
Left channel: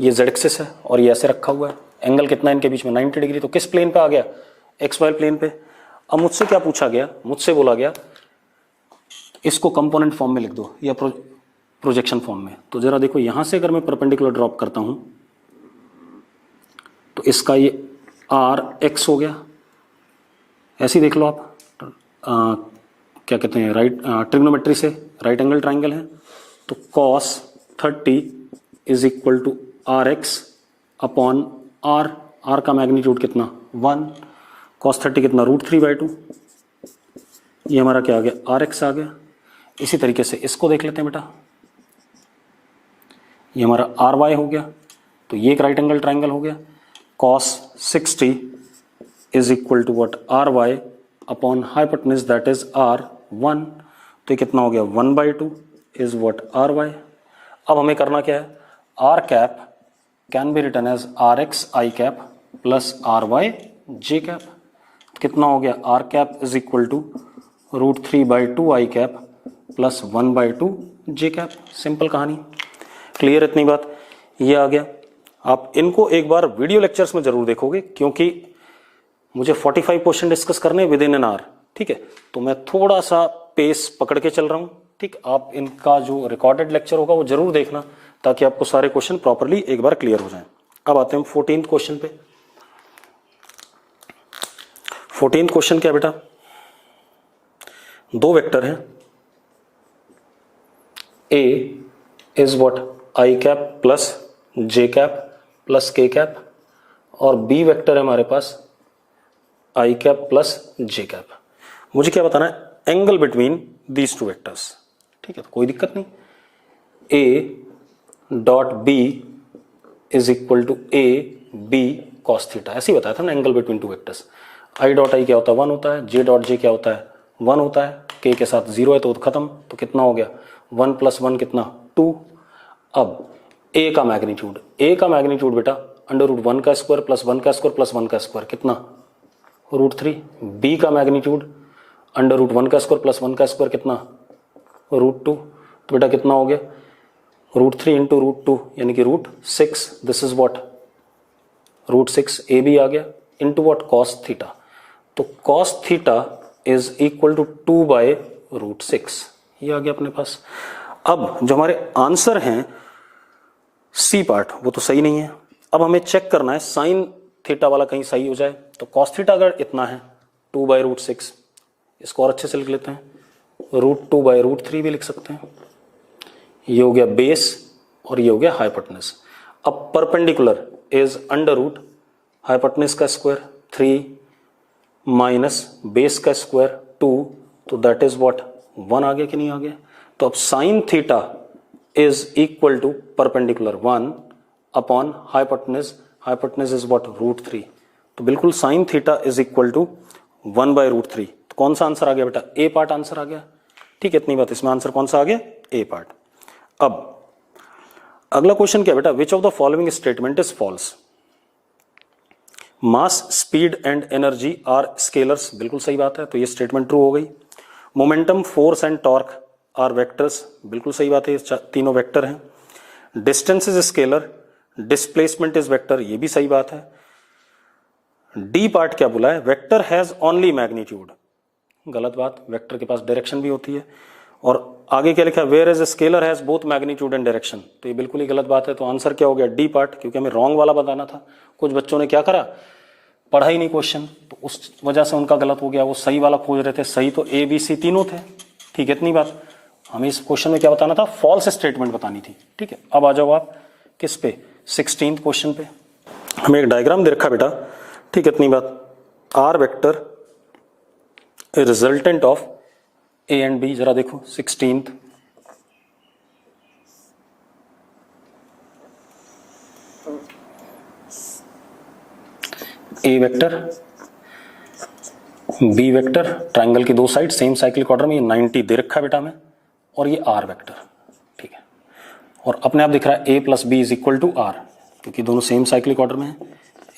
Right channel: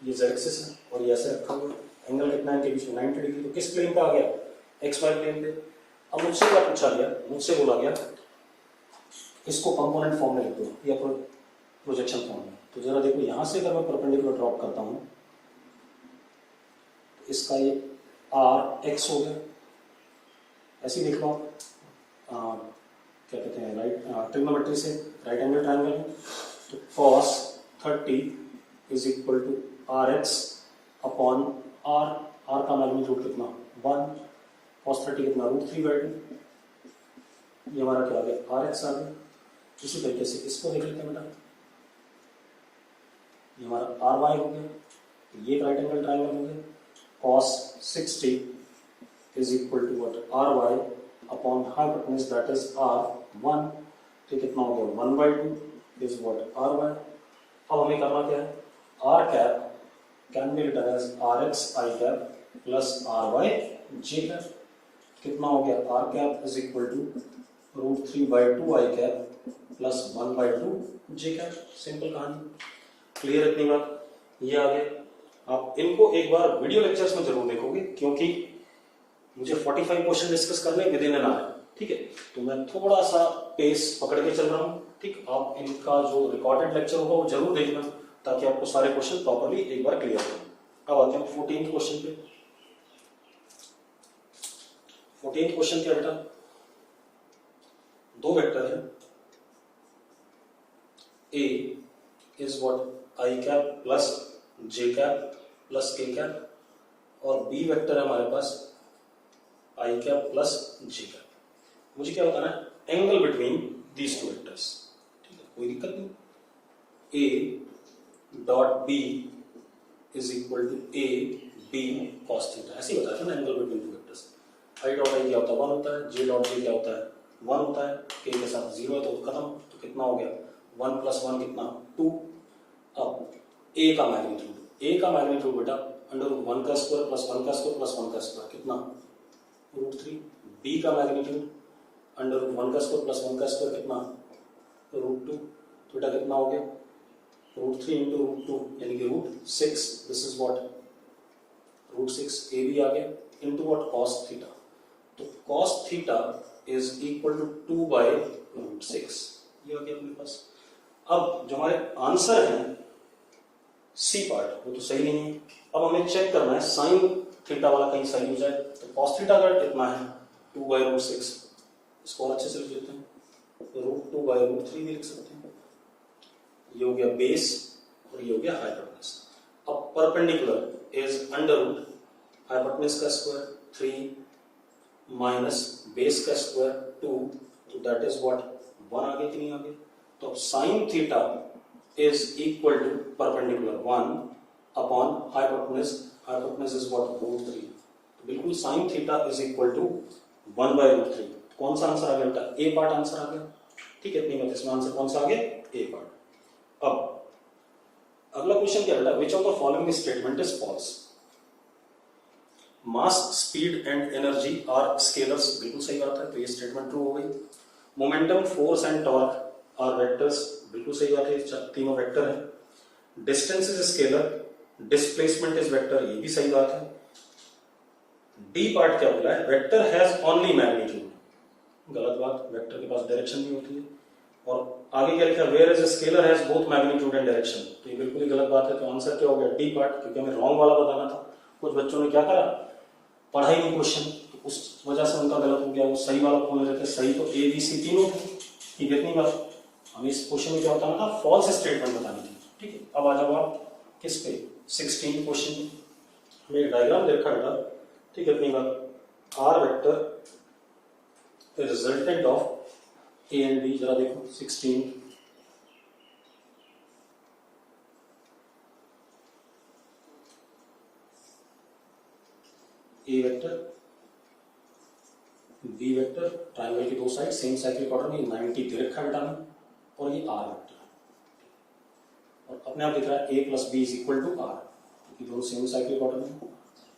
ये जेड एक्सिस है और ये ऐसे रखा हुआ है, एंगल कितना है इनके बीच में 90 डिग्री, तो किस प्लेन पे आ गया, एक्स वाई प्लेन पे। अब मुझसे क्या पूछा गया, मुझसे बोला गया इसको कंपोनेंट फॉर्म में लिख दो या प्रोजेक्शन फॉर्म में। तो जरा देखो यहां से अगर मैं परपेंडिकुलर ड्रॉप करता हूं तो इसका ये आर एक्स हो गया, ऐसे ही देख लो आप। क्या कहते हैं, राइट ट्रिग्नोमेट्री से राइट एंगल ट्राइंगल है, तो cos 30 is equal to R X upon R, R का मैग्नीट्यूड कितना 1, cos 30 कितना √3/2, ये हमारा क्या आ गया आर एक्स आ गया। इसी तरीके से इसको देख लेते हैं बेटा, ये हमारा आर वाई हो गया, तो ये एक राइट एंगल ट्राइंगल हो गया, cos 60 is equal to what R Y upon hypotenuse that is R 1, तो ये कितना हो गया 1/2 इज व्हाट आर वाई। अब हमें करना क्या है, R cap can be written as R X I cap plus R Y J cap, कितना हो गया R cap is equal to √3/2 I cap plus 1/2 J cap. Simple कहानी, क्लियर इतनी बात, ये आ गया। आप इनको एक बार वीडियो लेक्चर्स में जरूर देखोगे, क्योंकि मुझे 45 क्वेश्चन डिस्कस करने विद इन एन आवर, ठीक है, तो मैं थोड़ा सा पेस पकड़ के चल रहा हूं, ठीक। आप इनका जो रिकॉर्डेड लेक्चर होगा वो जरूर देखना, ताकि आपको सारे क्वेश्चन प्रॉपरली एक बार क्लियर हो जाएं। अब आते हैं 14th क्वेश्चन पे। 14th क्वेश्चन क्या बेटा, दो वेक्टर हैं, A is what i cap plus J cap plus k cap, और बी वेक्टर है हमारे पास i cap plus J cap. मुझे क्या बताना है, angle between these two vectors, ठीक है, तो कोई दिक्कत नहीं। A dot B is equal to A B cos theta, ऐसे ही बताया था ना angle between two vectors. I dot i क्या होता है 1 होता है, जे डॉट जे क्या होता है 1 होता है, के के साथ 0 है तो खत्म, तो कितना हो गया 1 + 1 कितना 2। अब ए का मैग्नीट्यूड, ए का मैग्नीट्यूड बेटा √1 का स्क्वायर प्लस 1 का स्क्वायर प्लस 1 का स्क्वायर कितना √3। बी का मैग्नीट्यूड √1 का स्क्वायर प्लस 1 का स्क्वायर कितना √2, तो बेटा कितना हो गया √3 × √2 यानी कि √6, this is what √6 A B आ गया इंटू व्हाट cos थीटा, तो cos theta is equal to 2/√6, ये आ गया अपने पास। अब जो हमारे आंसर हैं सी पार्ट वो तो सही नहीं है, अब हमें चेक करना है साइन थीटा वाला कहीं सही हो जाए। तो cos थीटा अगर इतना है 2/√6, इसको और अच्छे से लिख लेते हैं, √2/√3 भी लिख सकते हैं। ये हो गया बेस और ये हो गया हाइपोटेन्यूज। अब परपेंडिकुलर इज √ हाइपोटेन्यूज का स्क्वायर 3 माइनस बेस का स्क्वायर 2, तो दैट इज व्हाट 1 आ गया कि नहीं आ गया। तो अब sine theta is equal to perpendicular 1 upon hypotenuse, hypotenuse is what √3, तो बिल्कुल sine theta is equal to 1/√3। तो कौन सा आंसर आ गया बेटा, ए पार्ट आंसर आ गया, ठीक है, इतनी बात, इसमें आंसर कौन सा आ गया ए पार्ट। अब अगला क्वेश्चन क्या बेटा, which of the following statement is false. Mass speed and energy are scalars, बिल्कुल सही बात है, तो ये स्टेटमेंट ट्रू हो गई। Momentum force and torque are vectors, बिल्कुल सही बात है, ये तीनों वेक्टर हैं। Distance is scalar, displacement is vector, ये भी सही बात है। डी पार्ट क्या बोला है, वेक्टर हैज ओनली मैग्नीट्यूड, गलत बात, वेक्टर के पास डायरेक्शन भी होती है। और आगे क्या लिखा है, whereas scalar has both magnitude and direction, तो ये बिल्कुल ही गलत बात है। तो आंसर क्या हो गया डी पार्ट, क्योंकि हमें रॉन्ग वाला बताना था। कुछ बच्चों ने क्या करा, पढ़ा ही नहीं क्वेश्चन, तो उस वजह से उनका गलत हो गया, वो सही वाला खोज रहे थे, सही तो ए बी सी तीनों थे, ठीक है, इतनी बात। हमें इस क्वेश्चन में क्या बताना था, फॉल्स स्टेटमेंट बतानी थी, ठीक है। अब आ जाओ आप किस पे, 16th क्वेश्चन पे। हमें एक डायग्राम दे रखा बेटा, ठीक है, इतनी बात। R vector resultant of A and B, जरा देखो 16th, A vector B vector, triangle की दो साइड सेम साइक्लिक ऑर्डर में, ये 90 दे रखा है बेटा हमें, और ये आर वेक्टर, ठीक है। और अपने आप दिख रहा है ए plus B is equal to R, क्योंकि दोनों सेम साइक्लिक ऑर्डर में है,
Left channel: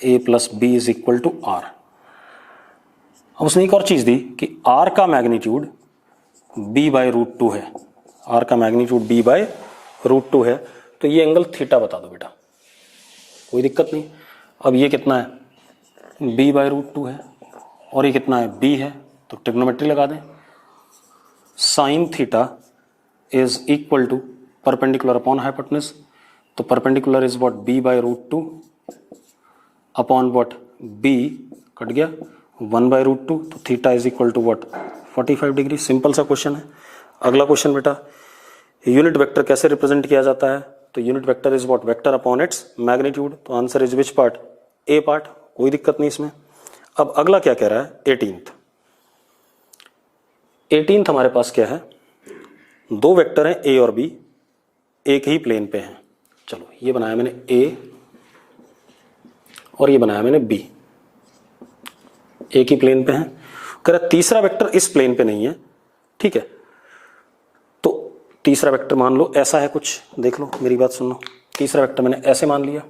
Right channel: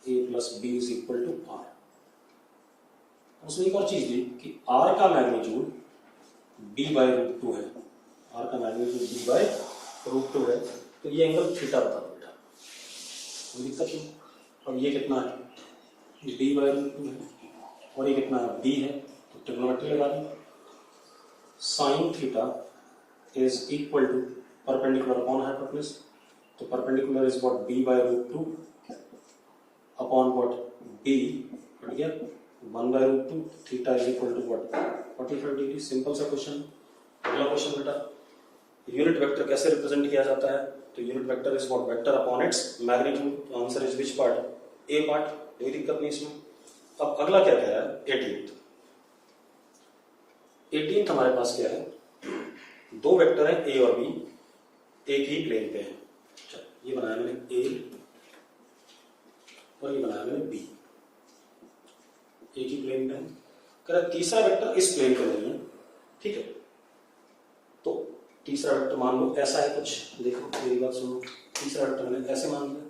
ए plus B is equal to आर। अब उसने एक और चीज दी कि आर का magnitude B by root two है, आर का magnitude B by root two है, तो ये एंगल थीटा बता दो बेटा, कोई दिक्कत नहीं। अब ये कितना है, बी बाई रूट टू है, और ये कितना है, बी है, तो ट्रिग्नोमेट्री लगा दें। Sine theta is equal to perpendicular upon hypotenuse, तो perpendicular is what, B by root two upon what, B cut गया 1 बाई रूट टू, तो theta is equal to what, 45 degree. Simple सा क्वेश्चन है। अगला क्वेश्चन बेटा, यूनिट वेक्टर कैसे रिप्रेजेंट किया जाता है, तो unit vector is what, vector upon its magnitude, तो answer is which part, A part, कोई दिक्कत नहीं इसमें। अब अगला क्या कह रहा है, 18th हमारे पास क्या है, दो वेक्टर हैं ए और बी, एक ही प्लेन पे हैं। चलो ये बनाया मैंने ए और ये बनाया मैंने बी, एक ही प्लेन पे हैं। कह रहा तीसरा वेक्टर इस प्लेन पे नहीं है, ठीक है, तो तीसरा वेक्टर मान लो ऐसा है कुछ, देख लो मेरी बात सुन लो, तीसरा वेक्टर मैंने ऐसे मान लिया,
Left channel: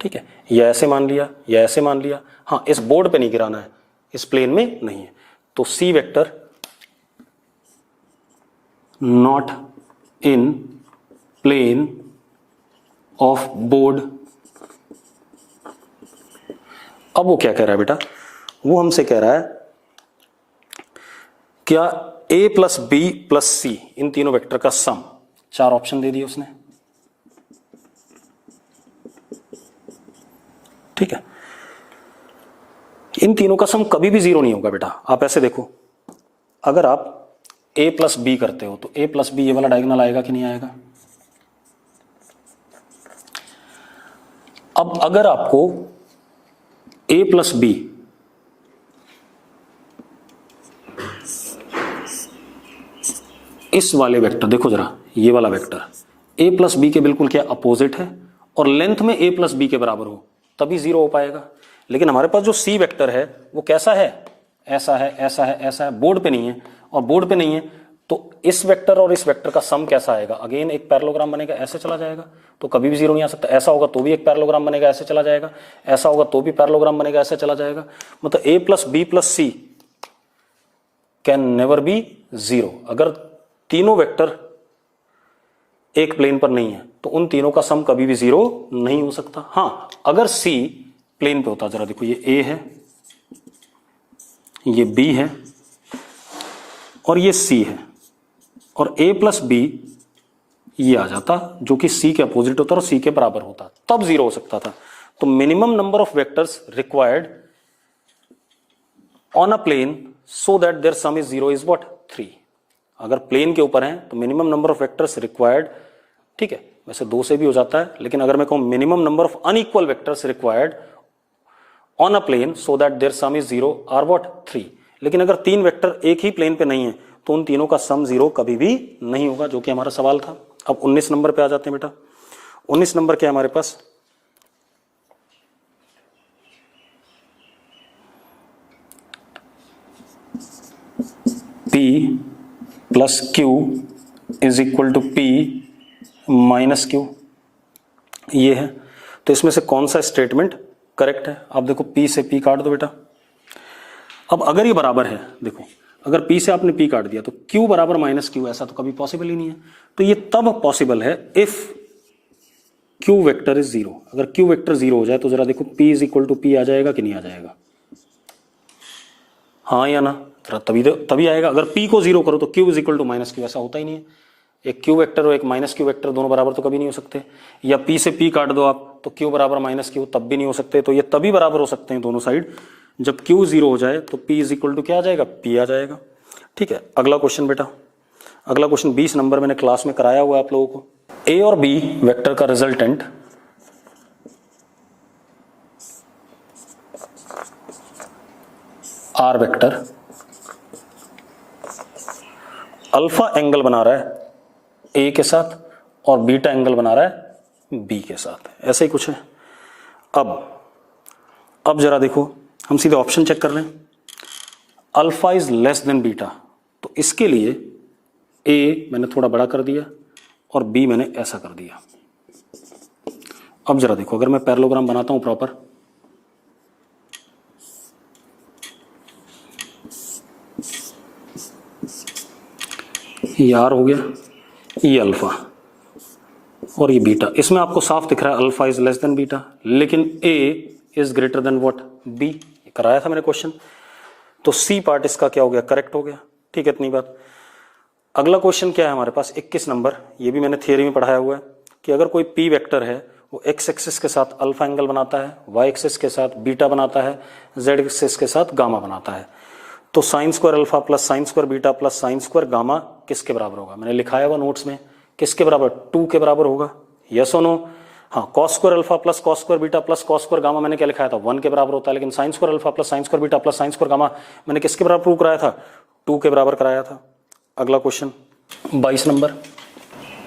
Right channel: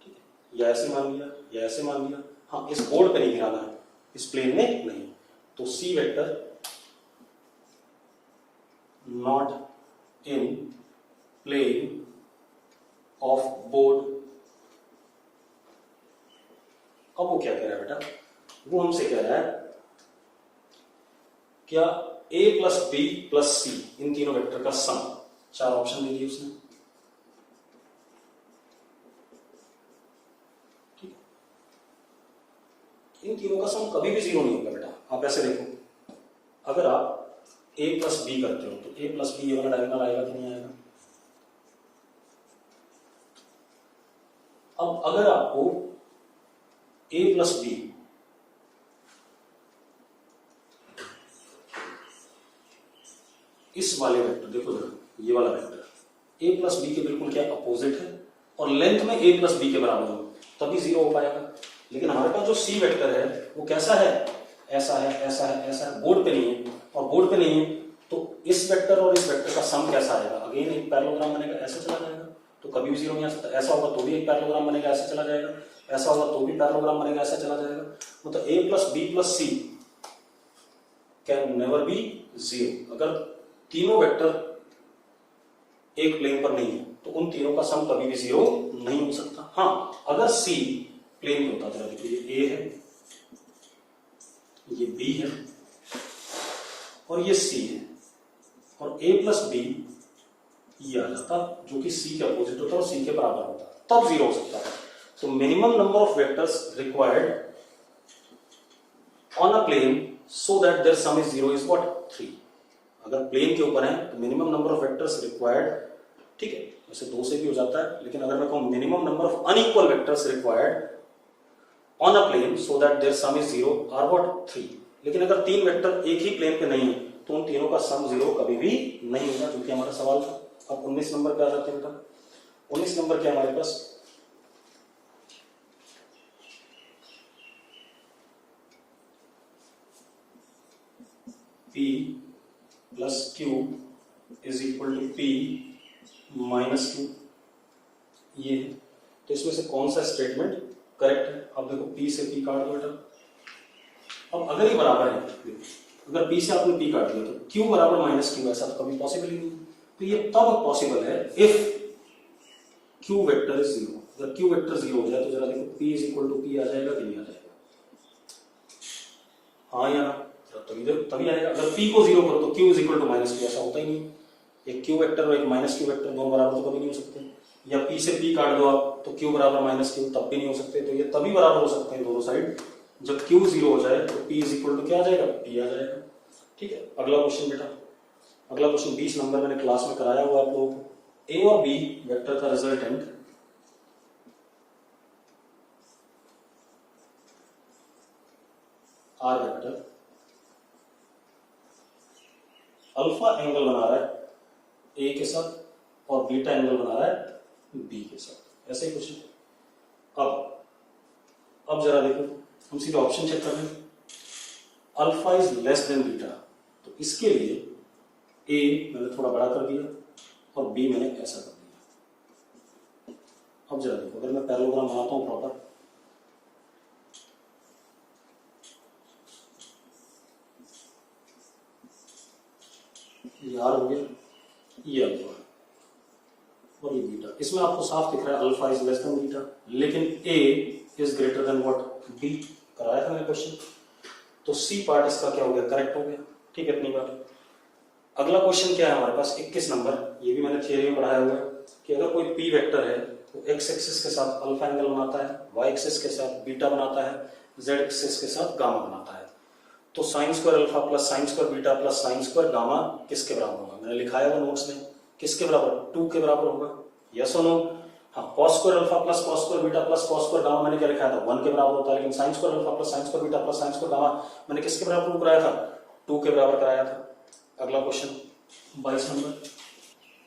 ठीक है, या ऐसे मान लिया या ऐसे मान लिया, हाँ इस बोर्ड पे नहीं गिराना है, इस प्लेन में नहीं है, तो C vector not in plane of board. अब वो क्या कह रहा है बेटा, वो हमसे कह रहा है क्या a प्लस बी प्लस सी, इन तीनों वेक्टर का सम, चार ऑप्शन दे दिए उसने, ठीक है। इन तीनों का सम कभी भी जीरो नहीं होगा बेटा। आप ऐसे देखो, अगर आप a प्लस बी करते हो तो a प्लस बी ये वाला डायगोनल आएगा कि नहीं आएगा। अब अगर आपको a प्लस बी इस वाले वेक्टर, देखो जरा ये वाला वेक्टर a प्लस बी के बिल्कुल क्या अपोजिट है और लेंथ में a प्लस बी के बराबर हो, तभी जीरो हो पाएगा। लेकिन हमारे पास जो c वेक्टर है वो कैसा है, ऐसा है, ऐसा है, ऐसा है, बोर्ड पे नहीं है, और बोर्ड पे नहीं है तो इस वेक्टर और इस वेक्टर का सम कैसा आएगा, अगेन एक पैरेललोग्राम बनेगा, ऐसे चला जाएगा, तो कभी भी जीरो नहीं आ सकता। ऐसा होगा तो भी एक पैरेललोग्राम बनेगा, ऐसे चला जाएगा, ऐसा होगा तो भी पैरेललोग्राम बनेगा, ऐसे चला जाएगा। मतलब a plus B plus C can never be zero. अगर तीनों वेक्टर एक प्लेन पर नहीं है तो उन तीनों का सम कभी भी जीरो नहीं हो सकता। हाँ अगर सी प्लेन पे होता, जरा देखो ये a है, ये b है और ये c है, और a प्लस बी ये आ जाता जो कि c के अपोजिट होता और c के बराबर होता, तब जीरो हो सकता था। तो minimum number of vectors required on a plane so that their sum is zero is what, 3। अगर प्लेन के ऊपर है तो minimum number of vectors required, ठीक है, वैसे 2 से भी हो जाता है, लेकिन अगर मैं कहूं minimum number of unequal vectors required on a plane so that their sum is zero are what, 3। लेकिन अगर 3 वेक्टर एक ही प्लेन पे नहीं है तो उन तीनों का सम जीरो कभी भी नहीं होगा, जो कि हमारा सवाल था। अब 19 नंबर पे आ जाते हैं बेटा। 19 नंबर क्या है हमारे पास, P plus Q is equal to P minus Q, ये है। तो इसमें से कौन सा स्टेटमेंट करेक्ट है, आप देखो P से P काट दो बेटा। अब अगर ये बराबर है, देखो अगर P से आपने P काट दिया तो Q बराबर माइनस Q, ऐसा तो कभी पॉसिबल ही नहीं है। तो ये तब पॉसिबल है if Q vector is zero. अगर Q वेक्टर जीरो हो जाए तो जरा देखो P is equal to P आ जाएगा कि नहीं आ जाएगा, हाँ या ना, तभी आएगा। अगर P को जीरो करो तो Q is equal to minus Q, ऐसा होता ही नहीं है। एक Q वेक्टर और एक माइनस Q वेक्टर दोनों बराबर तो कभी नहीं हो सकते। या P से P काट दो आप तो Q बराबर माइनस Q, तब भी नहीं हो सकते। तो ये तभी बराबर हो सकते हैं दोनों साइड जब Q जीरो हो जाए तो P इज इक्वल टू क्या आ जाएगा, P आ जाएगा। ठीक है, अगला क्वेश्चन बेटा, अगला क्वेश्चन 20 नंबर मैंने क्लास में कराया हुआ है आप लोगों को। A और B वेक्टर का resultant R vector alpha angle बना रहा है A के साथ और बीटा एंगल बना रहा है B के साथ, ऐसा ही कुछ है। अब जरा देखो, हम सीधे ऑप्शन चेक कर लें। Alpha is less than beta, तो इसके लिए A मैंने थोड़ा बड़ा कर दिया, और बी मैंने ऐसा कर दिया। अब जरा देखो, अगर मैं पैरेललोग्राम बनाता हूं प्रॉपर, ये आर हो गया, ये अल्फा और ये बीटा। इसमें आपको साफ दिख रहा है alpha is less than beta, लेकिन A is greater than what, B. कराया था मैंने क्वेश्चन, तो सी पार्ट इसका क्या हो गया, करेक्ट हो गया। ठीक है, इतनी बात। अगला क्वेश्चन क्या है हमारे पास, 21 नंबर। ये भी मैंने थियरी में पढ़ाया हुआ है कि अगर कोई पी वेक्टर है, वो एक्स एक्सिस के साथ अल्फा एंगल बनाता है, वाई एक्सिस के साथ बीटा बनाता है, जेड एक्सिस के साथ गामा बनाता है, तो sine square alpha plus sine square beta plus sine square gamma किसके बराबर होगा। मैंने लिखाया हुआ नोट्स में, किसके बराबर, 2 के बराबर होगा। यस और नो? हाँ, cos square alpha plus cos square beta plus cos square gamma मैंने क्या लिखाया था, 1 के बराबर होता है। लेकिन sine square alpha plus sine square beta plus sine square gamma मैंने किसके बराबर प्रूव कराया था, 2 के बराबर कराया था। अगला क्वेश्चन 22 नंबर।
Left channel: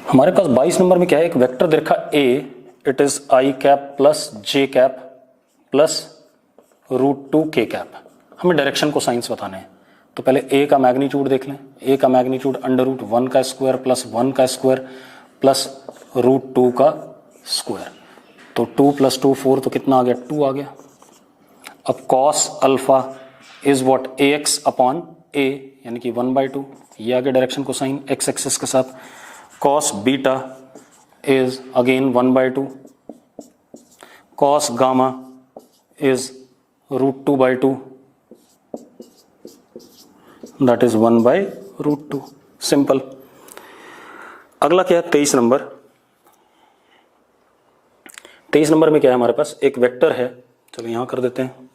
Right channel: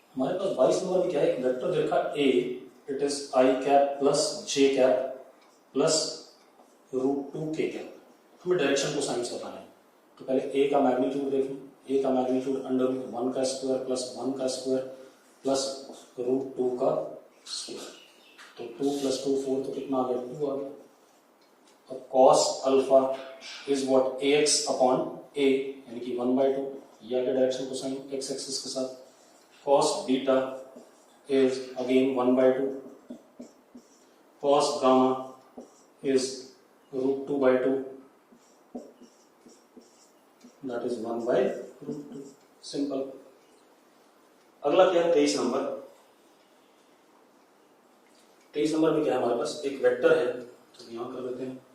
हमारे पास 22 नंबर में क्या है, एक वेक्टर दे रखा A, it is i cap plus J cap plus √2 k cap. हमें डायरेक्शन को साइंस बताने हैं, तो पहले ए का मैग्नीट्यूड देख लें। ए का मैग्नीट्यूड √1 का स्क्वायर प्लस 1 का स्क्वायर प्लस √2 का स्क्वायर, तो 2 + 2 4, तो कितना आ गया, 2 आ गया। अब cos alpha is what, ax upon a, यानी कि 1/2, ये आ गया डायरेक्शन को साइन एक्स एक्सिस के साथ। Cos beta is again 1/2, cos gamma is √2/2, that is 1/√2। Simple. अगला क्या है, 23 नंबर। 23 नंबर में क्या है हमारे पास, एक वेक्टर है, चलो यहां कर देते हैं।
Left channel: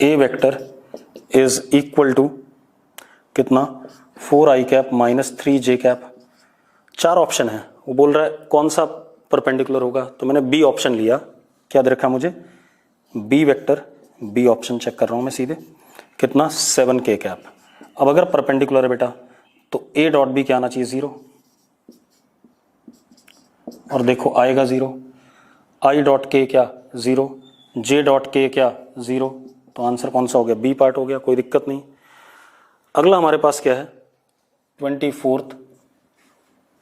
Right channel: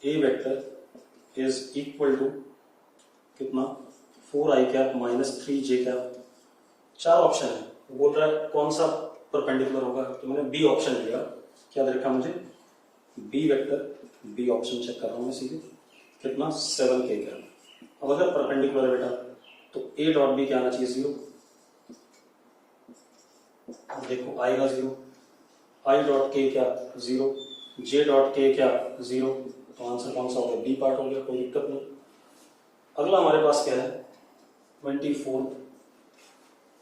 ए वेक्टर इज इक्वल टू कितना, 4i cap minus 3j cap. 4 option है, वो बोल रहा है कौन सा परपेंडिकुलर होगा, तो मैंने बी ऑप्शन लिया। क्या दे रखा मुझे, B vector, B option check कर रहा हूं मैं सीधे, कितना, 7k कैप। अब अगर परपेंडिकुलर है बेटा, तो ए डॉट बी क्या आना चाहिए, 0, और देखो आएगा 0। आई डॉट के क्या, 0, जे डॉट के क्या, 0, तो आंसर कौन सा हो गया, बी पार्ट हो गया, कोई दिक्कत नहीं। अगला हमारे पास क्या है, 24th,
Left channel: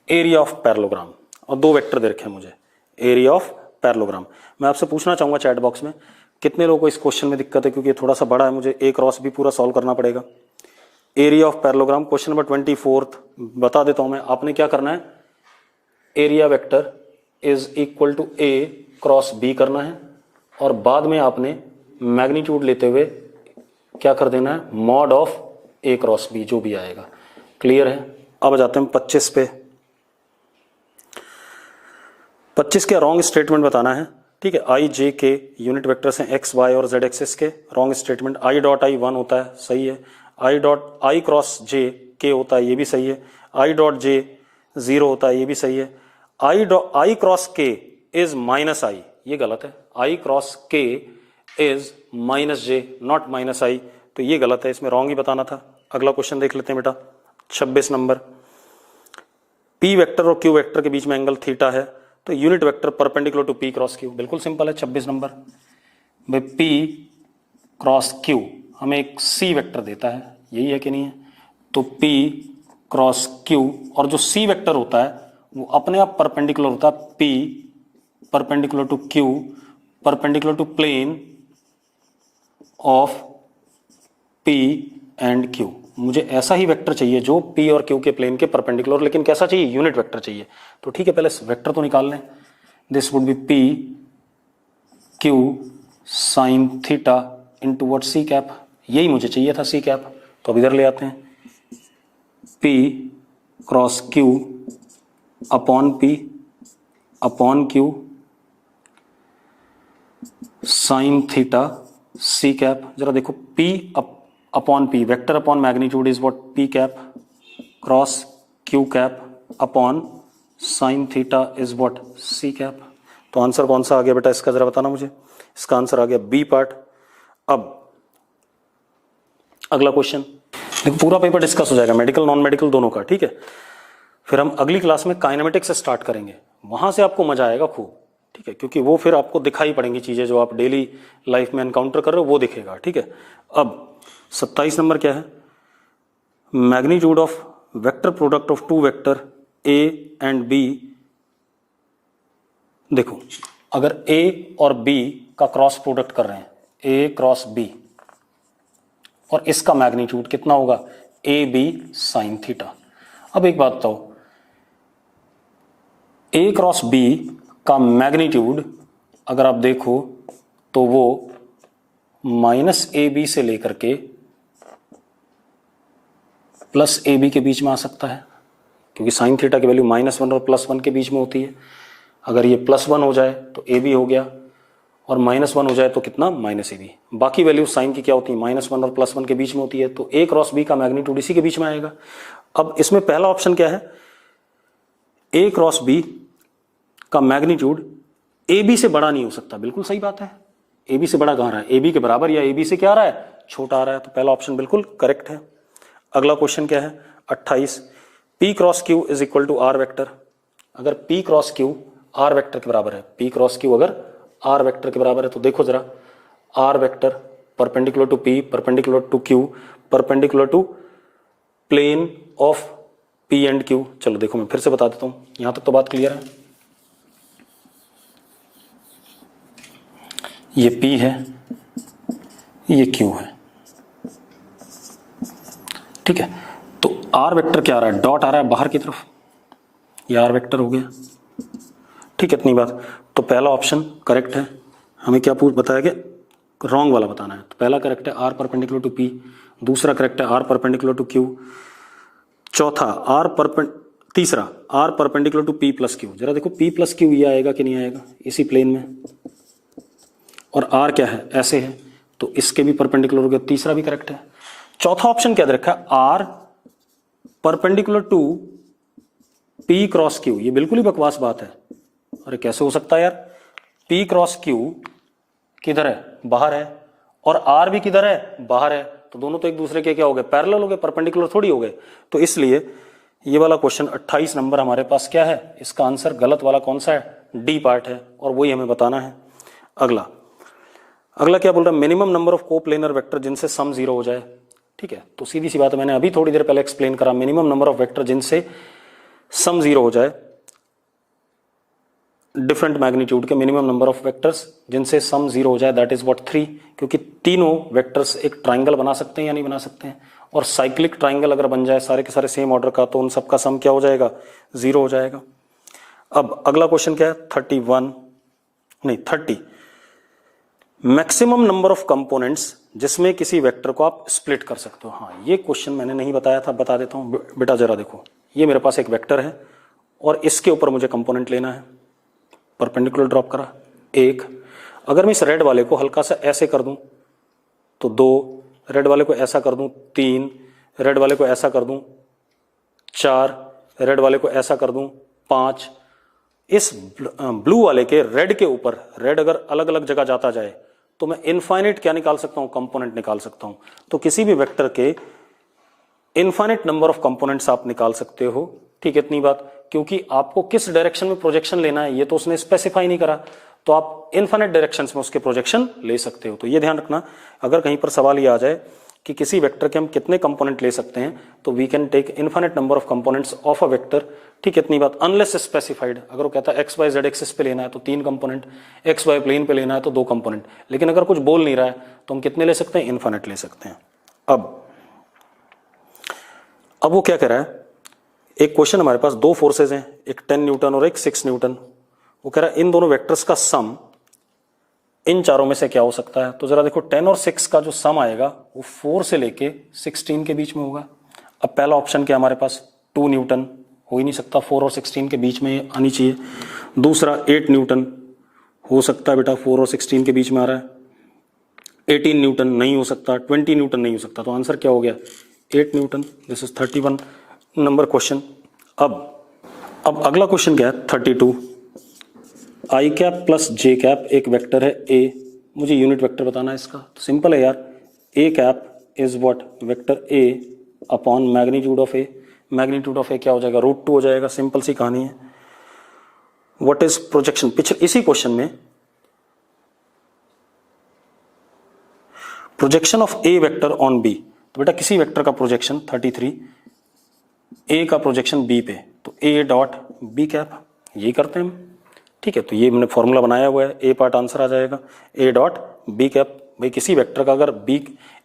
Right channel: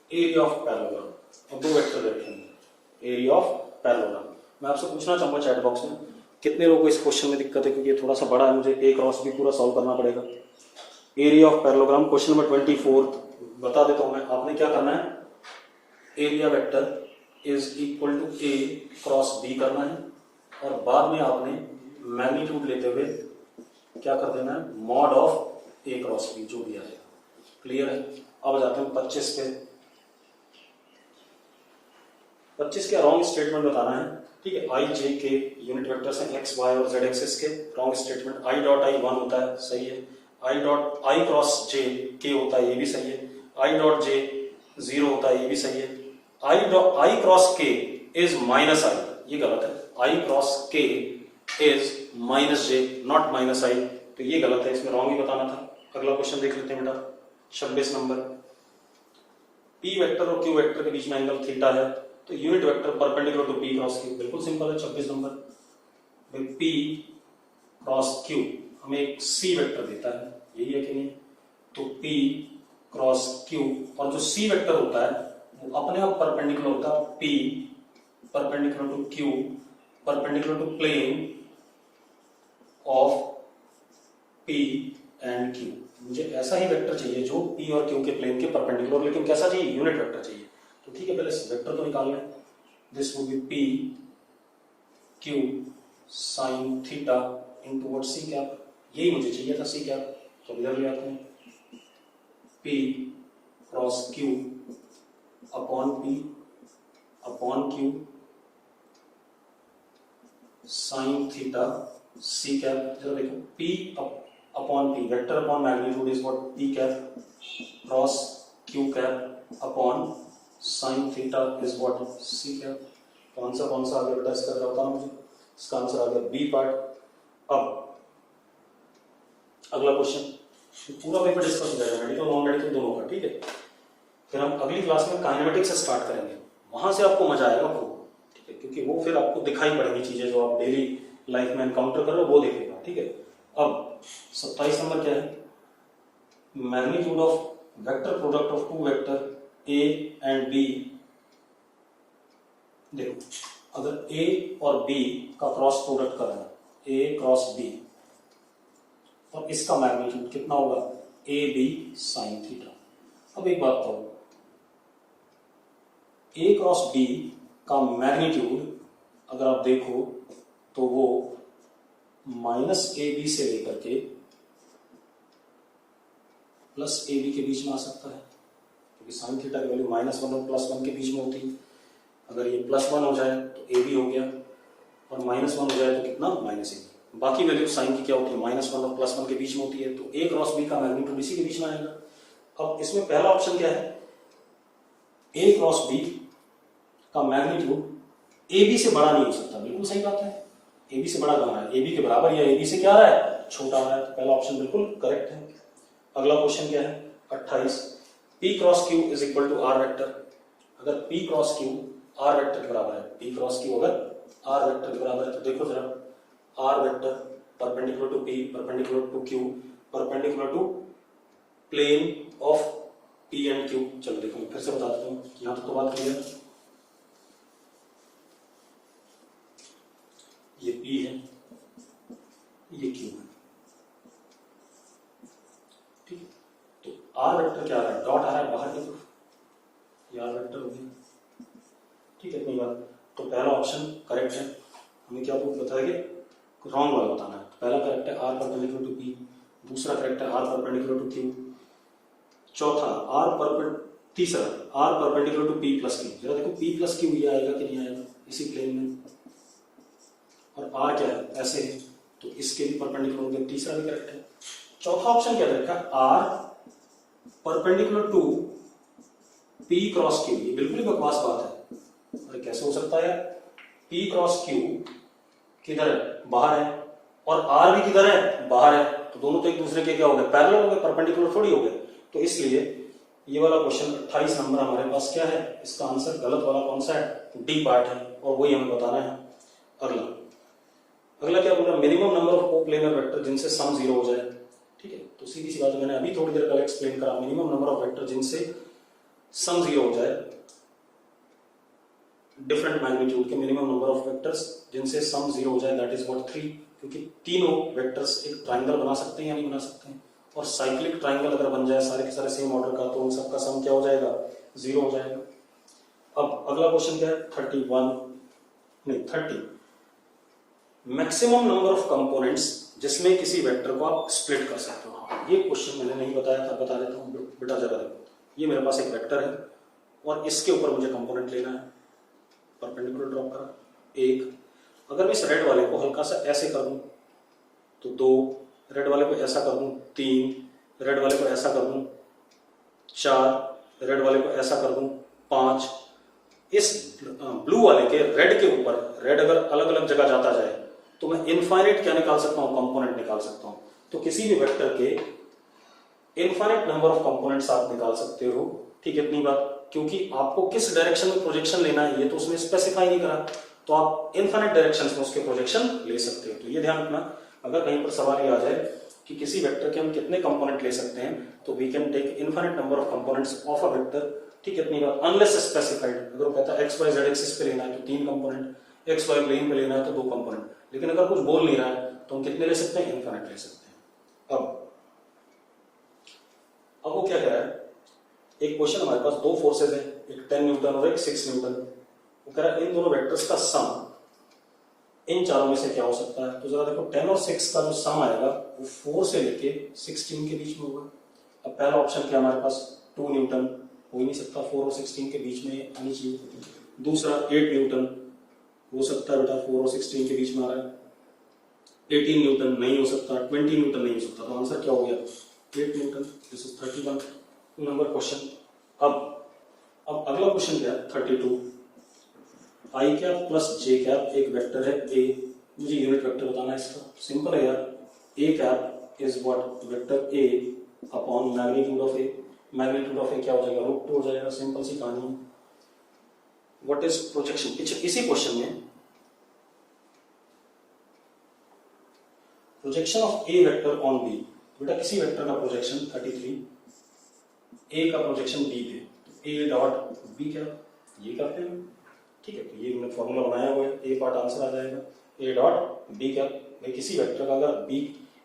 एरिया ऑफ पैरेललोग्राम, और 2 वेक्टर दे रखे हैं मुझे, एरिया ऑफ पैरेललोग्राम। मैं आपसे पूछना चाहूंगा चैट बॉक्स में, कितने लोगों को इस क्वेश्चन में दिक्कत है, क्योंकि ये थोड़ा सा बड़ा है, मुझे एक क्रॉस भी पूरा सॉल्व करना पड़ेगा। Area of parallelogram, question number 24th, बता देता हूं मैं। आपने क्या करना है, area vector is equal to A cross B करना है, और बाद में आपने मैग्नीट्यूड लेते हुए क्या कर देना है, mod of A cross B, जो भी आएगा। क्लियर है? अब जाते हैं 25 पे। 25 के रॉन्ग स्टेटमेंट बताना है, ठीक है। आई जे के यूनिट वेक्टर्स हैं, एक्स वाई और जेड एक्सिस के। Wrong statement, I dot i 1 होता है, सही है। आई डॉट आई क्रॉस जे के होता है, ये भी सही है। आई डॉट जे 0 होता है, ये भी सही है। I cross k is minus i, ये गलत है। I cross k is minus j, not minus i, तो ये गलत है, इसमें रॉन्ग ही बताना था। अगला क्वेश्चन देख लेते हैं बेटा, 26 नंबर। पी वेक्टर और क्यू वेक्टर के बीच में एंगल थीटा है, तो unit vector perpendicular to P cross Q, बिल्कुल सिंपल है। 26 नंबर भाई, पी क्रॉस क्यू हमें एक सी वेक्टर देता है, यही है कि नहीं है, तो पी क्रॉस क्यू, और जो सी वेक्टर होता है वो अपने आप परपेंडिकुलर होता है, P perpendicular to Q perpendicular to plane of P and Q. मुझे ऐसा ही वेक्टर चाहिए जो पी और क्यू के प्लेन के परपेंडिकुलर, लेकिन कैसा चाहिए, यूनिट वेक्टर चाहिए। तो ठीक है, पहले वेक्टर तो निकाल लें। This would be P Q sine theta into what, C cap. यही मुझे चाहिए था, सी कैप, तो अब इधर ले आते हैं। P cross Q upon P upon Q sine theta C cap. जरा देखो, P upon P, vector upon magnitude is what, P cap cross Q cap upon sine theta is what, C cap. तो आंसर कौन सा आ गया बेटा इसका, जरा बताना मुझे। इसका आंसर आ गया बी पार्ट। अब अगला क्वेश्चन देखो, पूरा पेपर डिस्कस हो जाएगा, मेडिकल नॉन मेडिकल दोनों का, ठीक है। फिर हम अगली क्लास में काइनेमेटिक्स से स्टार्ट करेंगे, वहां से आपको मजा आएगा खूब, ठीक है, क्योंकि वो फिर आपको दिखाई पड़ेंगी चीजें जो आप डेली लाइफ में एनकाउंटर कर रहे हो, वो दिखेगा, ठीक है। अब 27 नंबर क्या है, magnitude of vector product of two vector A and B, देखो अगर ए और बी का क्रॉस प्रोडक्ट कर रहे हैं, ए क्रॉस बी, और इसका मैग्नीट्यूड कितना होगा, ए बी साइन थीटा। अब एक बात बताओ, ए क्रॉस बी का मैग्नीट्यूड अगर आप देखो तो वो माइनस ए बी से लेकर के प्लस ए बी के बीच में आ सकता है, क्योंकि साइन थीटा की वैल्यू -1 और +1 के बीच में होती है। अगर ये +1 हो जाए तो ए बी हो गया, और -1 हो जाए तो कितना, माइनस ए बी। बाकी वैल्यू साइन की क्या होती है, -1 और +1 के बीच में होती है, तो ए क्रॉस बी का मैग्नीट्यूड इसी के बीच में आएगा। अब इसमें पहला ऑप्शन क्या है, ए क्रॉस बी का मैग्नीट्यूड ए बी से बड़ा नहीं हो सकता, बिल्कुल सही बात है। ए बी से बड़ा कहाँ रहा है, ए बी के बराबर या ए बी से क्या आ रहा है, छोटा आ रहा है, तो पहला ऑप्शन बिल्कुल करेक्ट है। अगला क्वेश्चन क्या है 28, P cross Q is equal to R vector. अगर P cross Q R vector के बराबर है, P क्रॉस Q अगर आर वेक्टर के बराबर है, तो देखो जरा, R vector perpendicular to P, perpendicular to Q, perpendicular to plane of P and Q। चलो देखो मैं फिर से बता देता हूं, यहां तक तो बात क्लियर है। ये P है, ये Q है, ठीक है। तो आर वेक्टर क्या आ रहा है, डॉट आ रहा है बाहर की तरफ, ये आर वेक्टर हो गया, ठीक है। इतनी बात, तो पहला ऑप्शन करेक्ट है। हमें क्या बताया कि रॉन्ग वाला बताना है, तो पहला करेक्ट है आर परपेंडिकुलर टू पी, दूसरा करेक्ट है आर परपेंडिकुलर टू क्यू, चौथा तीसरा R perpendicular to P plus Q. जरा देखो पी प्लस क्यू ये आएगा कि नहीं आएगा इसी प्लेन में, और आर क्या है, ऐसे है, तो इसके भी परपेंडिकुलर हो गया, तीसरा भी करेक्ट है। चौथा ऑप्शन क्या दे रखा है, R perpendicular to P cross Q. ये बिल्कुल ही बकवास बात है, अरे कैसे हो सकता है यार, पी क्रॉस क्यू किधर है, बाहर है, और आर भी किधर है, बाहर है, तो दोनों तो एक दूसरे के क्या हो गए, पैरेलल हो गए, परपेंडिकुलर थोड़ी हो गए। तो इसलिए ये वाला क्वेश्चन 28 नंबर हमारे पास क्या है, इसका आंसर गलत वाला कौन सा है, डी पार्ट है, और वही हमें बताना है। अगला क्या बोल रहा है, minimum number of coplanar vector जिनसे सम 0 हो जाए, ठीक है। तो सीधी सी बात है, मैंने अभी थोड़ी देर पहले एक्सप्लेन करा, मिनिमम नंबर ऑफ वेक्टर जिनसे सम 0 हो जाए, डिफरेंट मैग्नीट्यूड के मिनिमम नंबर ऑफ वेक्टर्स जिनसे सम 0 हो जाए, दैट इज व्हाट 3, क्योंकि तीनों वेक्टर्स एक ट्राइंगल बना सकते हैं या नहीं बना सकते हैं, और साइक्लिक ट्राइंगल अगर बन जाए सारे के सारे सेम ऑर्डर का, तो उन सबका सम क्या हो जाएगा, 0 हो जाएगा। अब अगला क्वेश्चन क्या है 30, मैक्सिमम नंबर ऑफ कंपोनेंट्स जिसमें किसी वेक्टर को आप स्प्लिट कर सकते हो। हाँ, ये क्वेश्चन मैंने नहीं बताया था, बता देता हूं बेटा। जरा देखो, ये मेरे पास एक वेक्टर है और इसके ऊपर मुझे कंपोनेंट लेना है, परपेंडिकुलर ड्रॉप करा एक। अगर मैं इस रेड वाले को हल्का सा ऐसे कर दूं तो 2, रेड वाले को ऐसा कर दूं 3, रेड वाले को ऐसा कर दूं 4, रेड वाले को ऐसा कर दूं 5। इस ब्लू वाले के रेड के ऊपर, रेड अगर अलग अलग जगह जाता जाए तो मैं इनफाइनाइट क्या निकाल सकता हूं, कंपोनेंट निकाल सकता हूं। तो किसी भी वेक्टर के इनफाइनाइट नंबर ऑफ कंपोनेंट्स आप निकाल सकते हो, ठीक है। इतनी बात, क्योंकि आपको किस डायरेक्शन में प्रोजेक्शन लेना है ये तो उसने स्पेसिफाई नहीं करा, तो आप इनफाइनाइट डायरेक्शंस में उसके प्रोजेक्शन ले सकते हो। तो ये ध्यान रखना, अगर कहीं पर सवाल ये आ जाए कि किसी वेक्टर के हम कितने कंपोनेंट ले सकते हैं, तो we can take infinite number of components of a vector, ठीक है। इतनी बात, अनलेस स्पेसिफाइड। अगर वो कहता है एक्स वाई जेड एक्सिस पे लेना है तो 3 कंपोनेंट, एक्स वाई प्लेन पे लेना है तो 2 कंपोनेंट, लेकिन अगर कुछ बोल नहीं रहा है तो हम कितने ले सकते हैं, इनफाइनाइट ले सकते हैं। अब वो क्या कह रहा है, एक क्वेश्चन हमारे पास 2 फोर्सेज हैं, एक 10 न्यूटन और एक 6 न्यूटन। वो कह रहा है इन दोनों वेक्टर्स का सम इन चारों में से क्या हो सकता है। तो जरा देखो 10 और 6 का जो सम आएगा वो 4 से लेके 16 के बीच में होगा। अब पहला ऑप्शन क्या हमारे पास, 2 न्यूटन, हो ही नहीं सकता, 4 और 16 के बीच में आनी चाहिए। दूसरा 8 न्यूटन हो सकता है बेटा, 4 और 16 के बीच में आ रहा है। 18 न्यूटन नहीं हो सकता, 20 न्यूटन नहीं हो सकता, तो आंसर क्या हो गया, 8 Newton. This is 31 number question. अब अगला क्वेश्चन क्या है 32, आई कैप प्लस जे कैप एक वेक्टर है ए, मुझे यूनिट वेक्टर बताना है इसका। तो सिंपल है यार, A cap is what, vector A upon magnitude of A. Magnitude of A क्या हो जाएगा, √2 हो जाएगा, सिंपल सी कहानी है। व्हाट इज प्रोजेक्शन, पिछले इसी क्वेश्चन में projection of A vector on B, तो बेटा किसी वेक्टर का प्रोजेक्शन 33 ए का प्रोजेक्शन बी पे, तो ए डॉट बी कैप, यही करते हैं हम, ठीक है। तो ये मैंने फॉर्मूला बनाया हुआ है, ए पार्ट आंसर आ जाएगा, ए डॉट बी कैप। भाई किसी वेक्टर का अगर बी,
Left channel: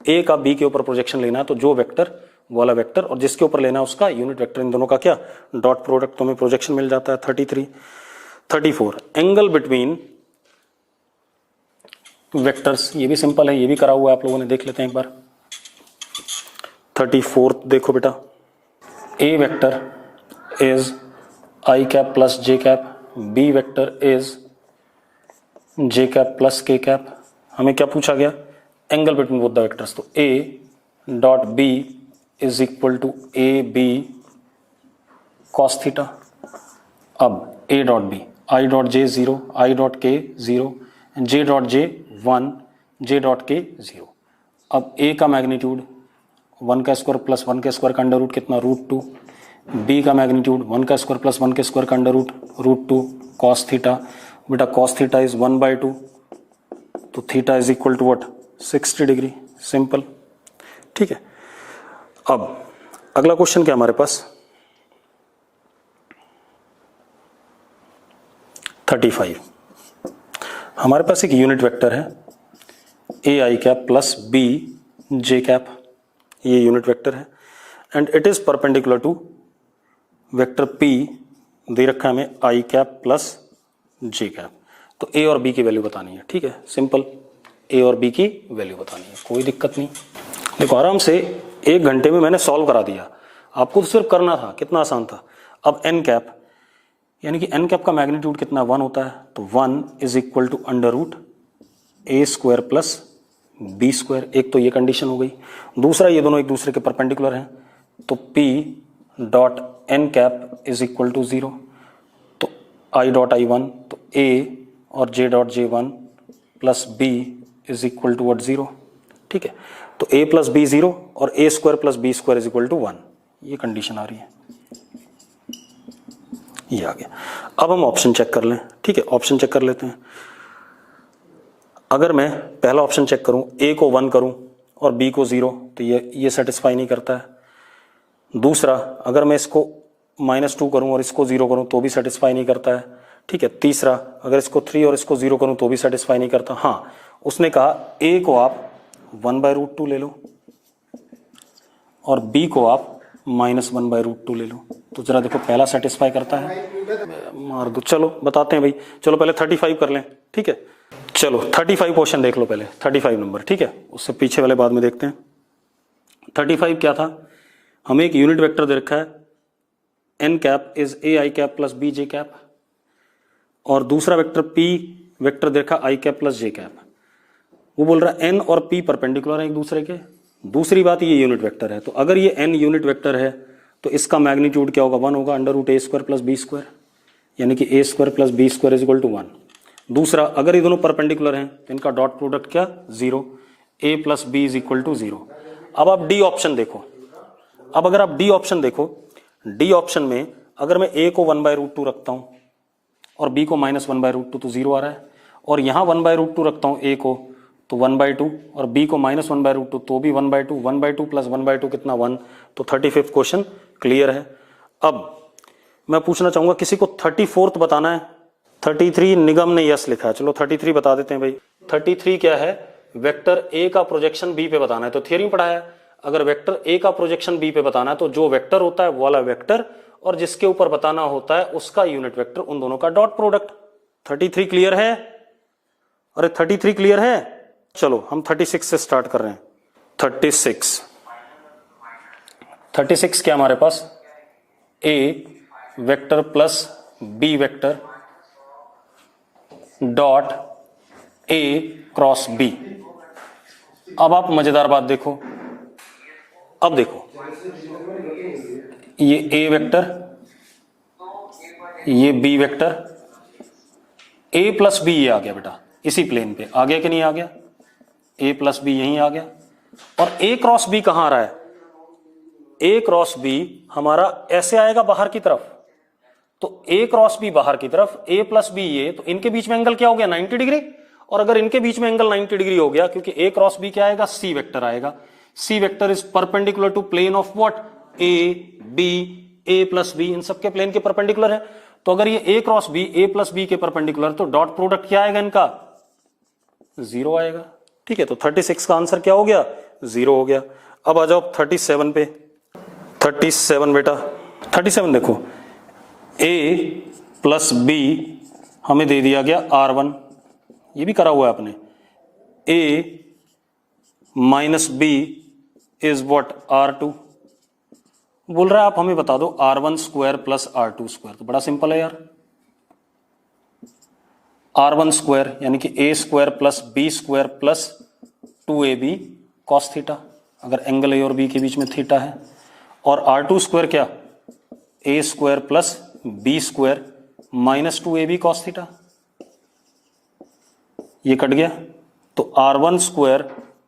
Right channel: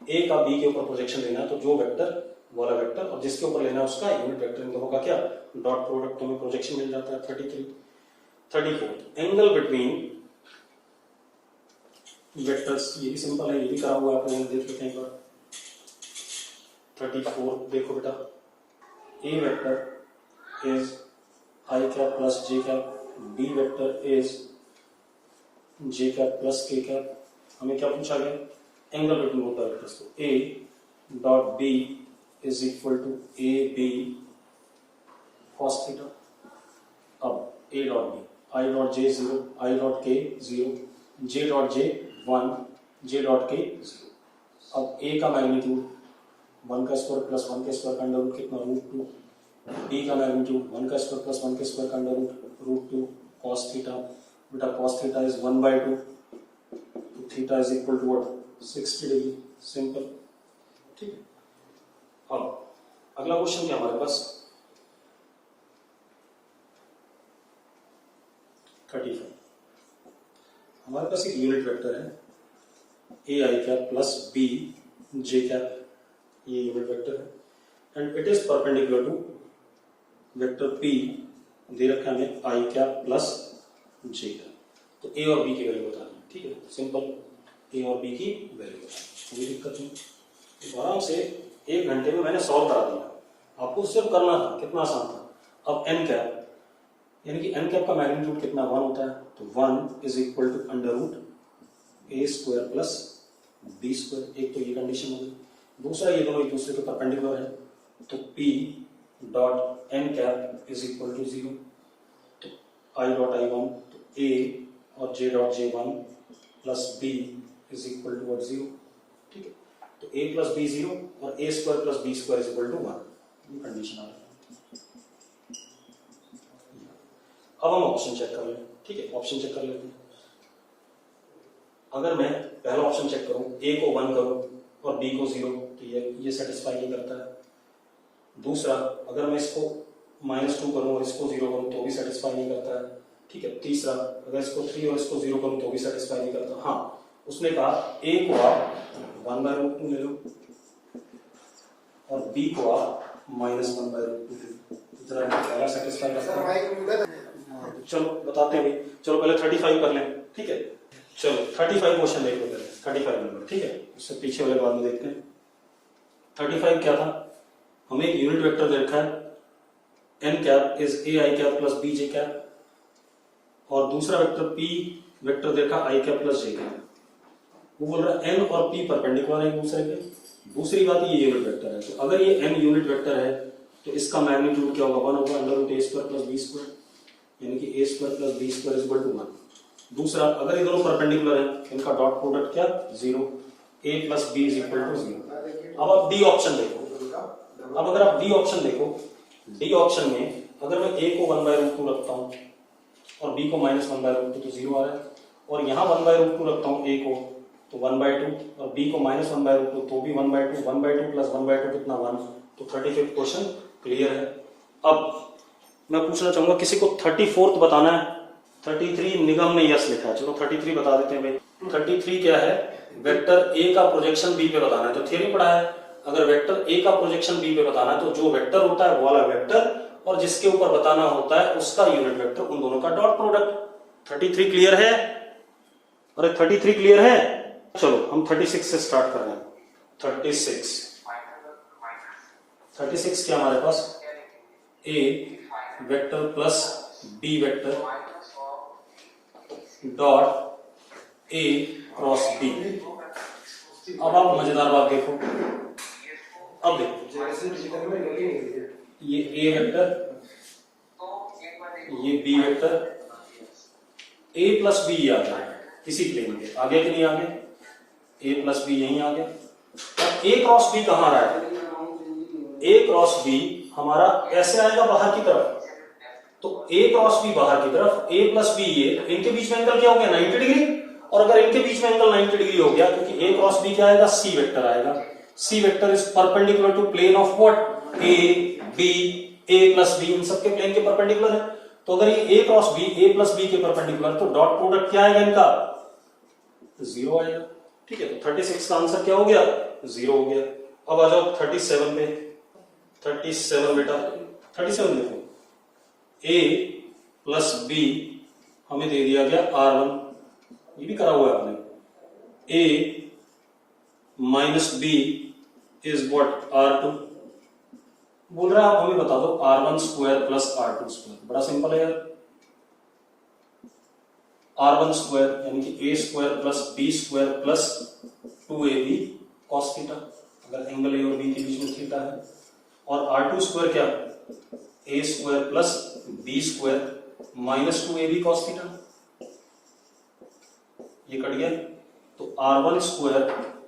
ए का बी के ऊपर प्रोजेक्शन लेना है तो जो वेक्टर वाला वेक्टर और जिसके ऊपर लेना है उसका यूनिट वेक्टर, इन दोनों का क्या डॉट प्रोडक्ट, तो हमें प्रोजेक्शन मिल जाता है। 33 34 एंगल बिटवीन वेक्टर्स, ये भी सिंपल है, ये भी करा हुआ है आप लोगों ने, देख लेते हैं एक बार। 34 देखो बेटा, A vector is i cap plus J cap, B vector is j cap plus k cap. हमें क्या पूछा गया, angle between both the vectors, तो A dot B is equal to A B cos theta. अब A dot B, i dot j 0, i dot k 0, J dot j 1, J dot k 0। अब ए का मैग्नीट्यूड 1 का स्क्वायर प्लस 1 के स्क्वायर का अंडर रूट कितना, √2। बी का मैग्नीट्यूड 1 का स्क्वायर प्लस 1 के स्क्वायर का अंडर रूट √2 कॉस थीटा। बेटा कॉस थीटा इज 1/2, तो theta is equal to what, 60 degree, simple, ठीक है। अब अगला क्वेश्चन क्या हमारे पास, 35। हमारे पास एक यूनिट वेक्टर है A I cap plus B J cap, ये यूनिट वेक्टर है and it is perpendicular to vector P, दे रखा है हमें i cap plus J cap. तो ए और बी की वैल्यू बतानी है, ठीक है, सिंपल, ए और बी की वैल्यू बतानी है, कोई दिक्कत नहीं। देखो आराम से 1 घंटे में मैंने सॉल्व करा दिया, आपको तो सिर्फ करना था, कितना आसान था। अब एन कैप, यानी कि एन कैप का मैग्नीट्यूड कितना 1 होता है, तो 1 is equal to under root A square plus B square. एक तो ये कंडीशन हो गई, दूसरा ये दोनों एक दूसरे के परपेंडिकुलर हैं, तो P dot N cap is equal to 0, तो आई डॉट आई 1, तो ए और j dot j 1 plus B is equal to what 0, ठीक है। तो a प्लस बी 0 और A square plus B square is equal to 1, ये कंडीशन आ रही है, ये आ गया। अब हम ऑप्शन चेक कर लें, ठीक है, ऑप्शन चेक कर लेते हैं। अगर मैं पहला ऑप्शन चेक करूं, a को 1 करूं और b को 0, तो ये सेटिस्फाई नहीं करता है। दूसरा, अगर मैं इसको -2 करूं और इसको 0 करूं तो भी सेटिस्फाई नहीं करता है, ठीक है। तीसरा, अगर इसको 3 और इसको 0 करूं तो भी सेटिस्फाई नहीं करता। हाँ, उसने कहा a को आप 1/√2 ले लो और b को आप -1/√2 ले लो, तो जरा देखो पहला सेटिस्फाई करता है, मार दो। चलो बताते हैं भाई, चलो पहले 35 कर लें, ठीक है। चलो 35 क्वेश्चन देख लो पहले, 35 नंबर, ठीक है, उससे पीछे वाले बाद में देखते हैं। 35 क्या था, हमें एक यूनिट वेक्टर दे रखा है N cap is A I cap plus B J cap, और दूसरा वेक्टर पी वेक्टर दे रखा I cap plus J cap. वो बोल रहा है एन और पी परपेंडिकुलर है एक दूसरे के। दूसरी बात, ये यूनिट वेक्टर है, तो अगर ये एन यूनिट वेक्टर है तो इसका मैग्नीट्यूड क्या होगा, 1 होगा, under root A square plus B square, यानी कि A square plus B square is equal to 1। दूसरा, अगर ये दोनों परपेंडिकुलर हैं, इनका डॉट प्रोडक्ट क्या, 0, A plus B is equal to 0। अब आप डी ऑप्शन देखो, अब अगर आप डी ऑप्शन देखो, डी ऑप्शन में अगर मैं ए को 1/√2 रखता हूं और बी को -1/√2, तो 0 आ रहा है, और यहां 1/√2 रखता हूं ए को, तो 1/2, और b को -1/√2 तो भी 1/2, 1/2 प्लस 1/2 कितना 1, तो 35th क्वेश्चन क्लियर है। अब मैं पूछना चाहूंगा, किसी को 34th बताना है। 33 निगम ने यस लिखा है, चलो 33 बता देते हैं भाई। 33 क्या है, वेक्टर ए का प्रोजेक्शन बी पे बताना है, तो थियरी पढ़ा है, अगर वेक्टर ए का प्रोजेक्शन बी पे बताना है तो जो वेक्टर होता है वो वाला वेक्टर, और जिसके ऊपर बताना होता है उसका यूनिट वेक्टर, उन दोनों का डॉट प्रोडक्ट। 33 क्लियर है, अरे 33 क्लियर है। चलो हम 36 से स्टार्ट कर रहे हैं। 36 क्या हमारे पास, A vector plus B vector dot A cross B. अब आप मजेदार बात देखो, अब देखो ये ए वेक्टर, ये B vector, A plus B ये आ गया बेटा इसी प्लेन पे, आ गया कि नहीं आ गया, ए प्लस बी यहीं आ गया। और ए क्रॉस बी कहां आ रहा है, ए क्रॉस बी हमारा ऐसे आएगा बाहर की तरफ, तो ए क्रॉस बी बाहर की तरफ, ए प्लस बी ये, तो इनके बीच में एंगल क्या हो गया 90 डिग्री। और अगर इनके बीच में एंगल 90 डिग्री हो गया, क्योंकि ए क्रॉस बी क्या आएगा, सी वेक्टर आएगा। C vector is perpendicular to plane of what, A B A plus B इन सबके प्लेन के परपेंडिकुलर है। तो अगर ये A cross B A plus B के परपेंडिकुलर, तो डॉट प्रोडक्ट क्या आएगा इनका? 0 आएगा। ठीक है, तो 36 का आंसर क्या हो गया? 0 हो गया। अब आ जाओ 37 पे। 37 बेटा, 37 देखो, a प्लस बी हमें दे दिया गया R1, ये भी करा हुआ है आपने। a minus B is what? R2। बोल रहा है आप हमें बता दो R1 square plus R2 square. तो बड़ा सिंपल है यार, R1 स्क्वायर यानी कि a square plus B square plus 2ab cos theta, अगर एंगल a और b के बीच में थीटा है। और R2 स्क्वायर क्या? a square plus B square minus 2ab cos theta. ये कट गया, तो R1 square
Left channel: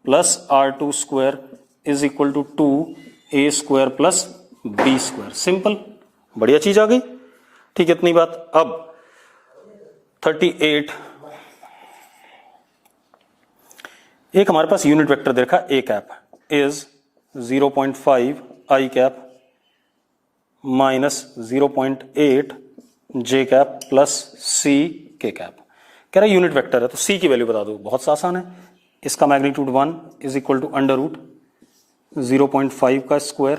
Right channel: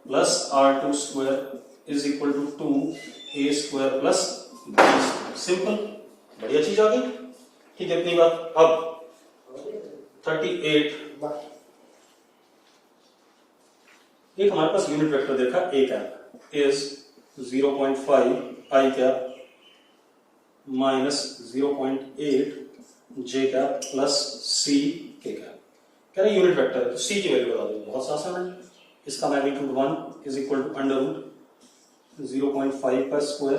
plus R2 square is equal to 2a square plus B square. Simple, बढ़िया चीज आ गई। ठीक है, इतनी बात। अब 38, एक हमारे पास यूनिट वेक्टर देखा a cap is 0.5 i cap minus 0.8 j cap plus c k cap. कह रहा है यूनिट वेक्टर है तो c की वैल्यू बता दो। बहुत सा आसान है, इसका magnitude 1 is equal to under root 0.5 का स्क्वायर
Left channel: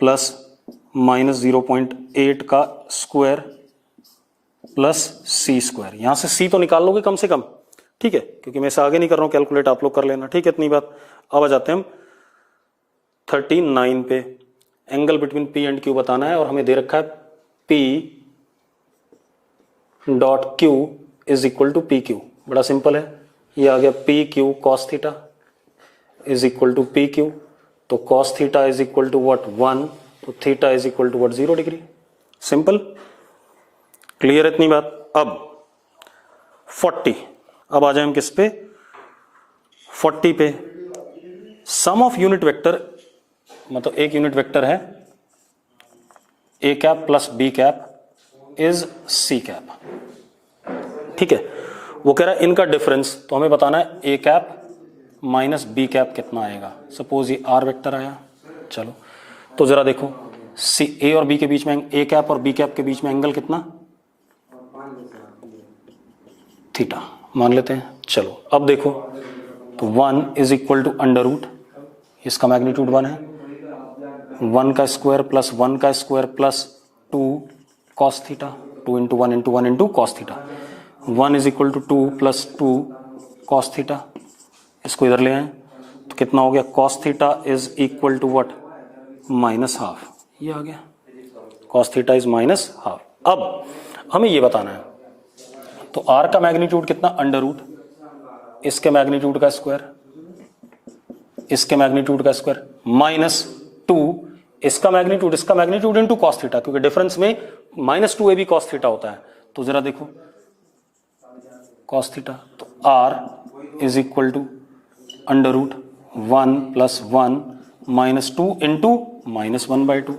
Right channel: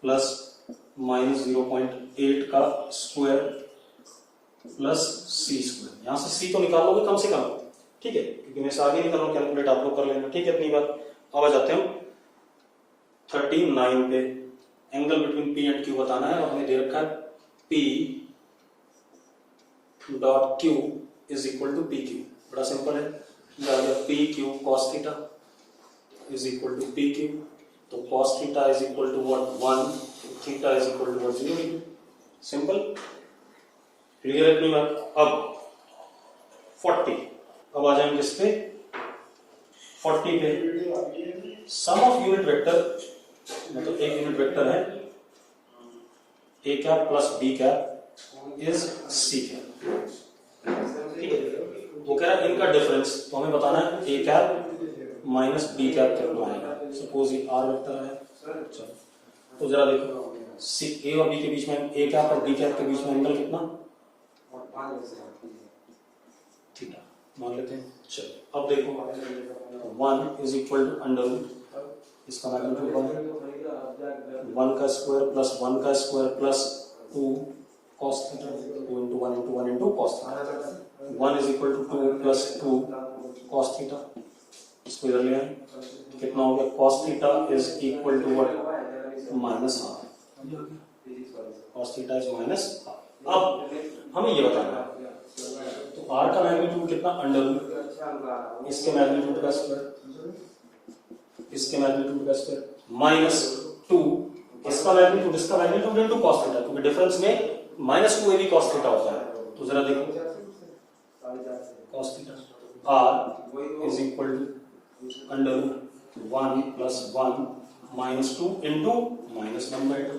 प्लस माइनस 0.8 का स्क्वायर प्लस सी स्क्वायर। यहां से सी तो निकाल लोगे कम से कम, ठीक है, क्योंकि मैं इसे आगे नहीं कर रहा हूं, कैलकुलेट आप लोग कर लेना। ठीक है, इतनी बात। अब आ जाते हैं हम 39 पे। Angle between P and Q बताना है और हमें दे रखा है P dot Q is equal to P Q. बड़ा सिंपल है, ये आ गया P Q cos theta is equal to P Q. तो cos theta is equal to what? 1, तो theta is equal to what? 0 degree. Simple, clear इतनी बात। अब 40, अब आ जाए हम किस पे? 40 पे। सम ऑफ यूनिट वेक्टर, मतलब एक यूनिट वेक्टर है A cap plus B cap is C cap. ठीक है, वो कह रहा है इनका डिफरेंस, तो हमें बताना है A cap minus B cap कितना आएगा। सपोज ये आर वेक्टर आया, चलो तो जरा देखो सी ए और बी के बीच में, ए कैप और बी कैप के बीच में एंगल कितना? थीटा मान लेते हैं। चलो अब देखो, तो 1 is equal to under root, इसका मैग्नीट्यूड 1 है, 1 का स्क्वायर प्लस 1 का square plus 2 cos theta, 2 into 1 into 1 into cos theta. 1 is equal to 2 plus 2 cos theta. इसको इधर ले आए तो कितना हो गया? Cos theta is equal to what? Minus half. ये आ गया, cos theta is minus half. अब हमें ये बताना है, तो आर का मैग्नीट्यूड कितना? अंडर रूट इसके मैग्नीट्यूड का स्क्वायर, इसके मैग्नीट्यूड का स्क्वायर माइनस 2 इसका मैग्नीट्यूड इनटू कॉस थीटा, क्योंकि डिफरेंस में माइनस 2ab कॉस थीटा होता है। तो जरा देखो कॉस थीटा, तो R is equal to under root 1 plus 1 minus 2 into minus 1/2।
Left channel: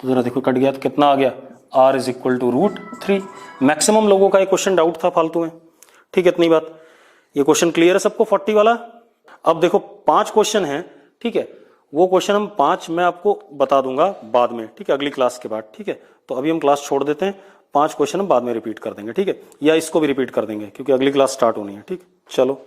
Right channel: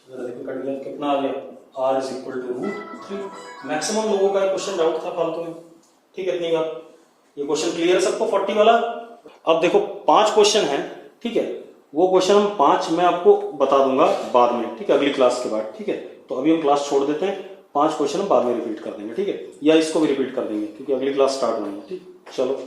तो जरा देखो कट गया, तो कितना आ गया? R is equal to √3। Maximum लोगों का ये क्वेश्चन डाउट था फालतू में। ठीक है, इतनी बात। ये क्वेश्चन क्लियर है सबको 40 वाला? अब देखो 5 क्वेश्चन है, ठीक है, वो क्वेश्चन हम 5 मैं आपको बता दूंगा बाद में, ठीक है, अगली क्लास के बाद। ठीक है, तो अभी हम क्लास छोड़ देते हैं, 5 क्वेश्चन हम बाद में रिपीट कर देंगे। ठीक है, या इसको भी रिपीट कर देंगे क्योंकि अगली क्लास स्टार्ट होनी है। ठीक, चलो।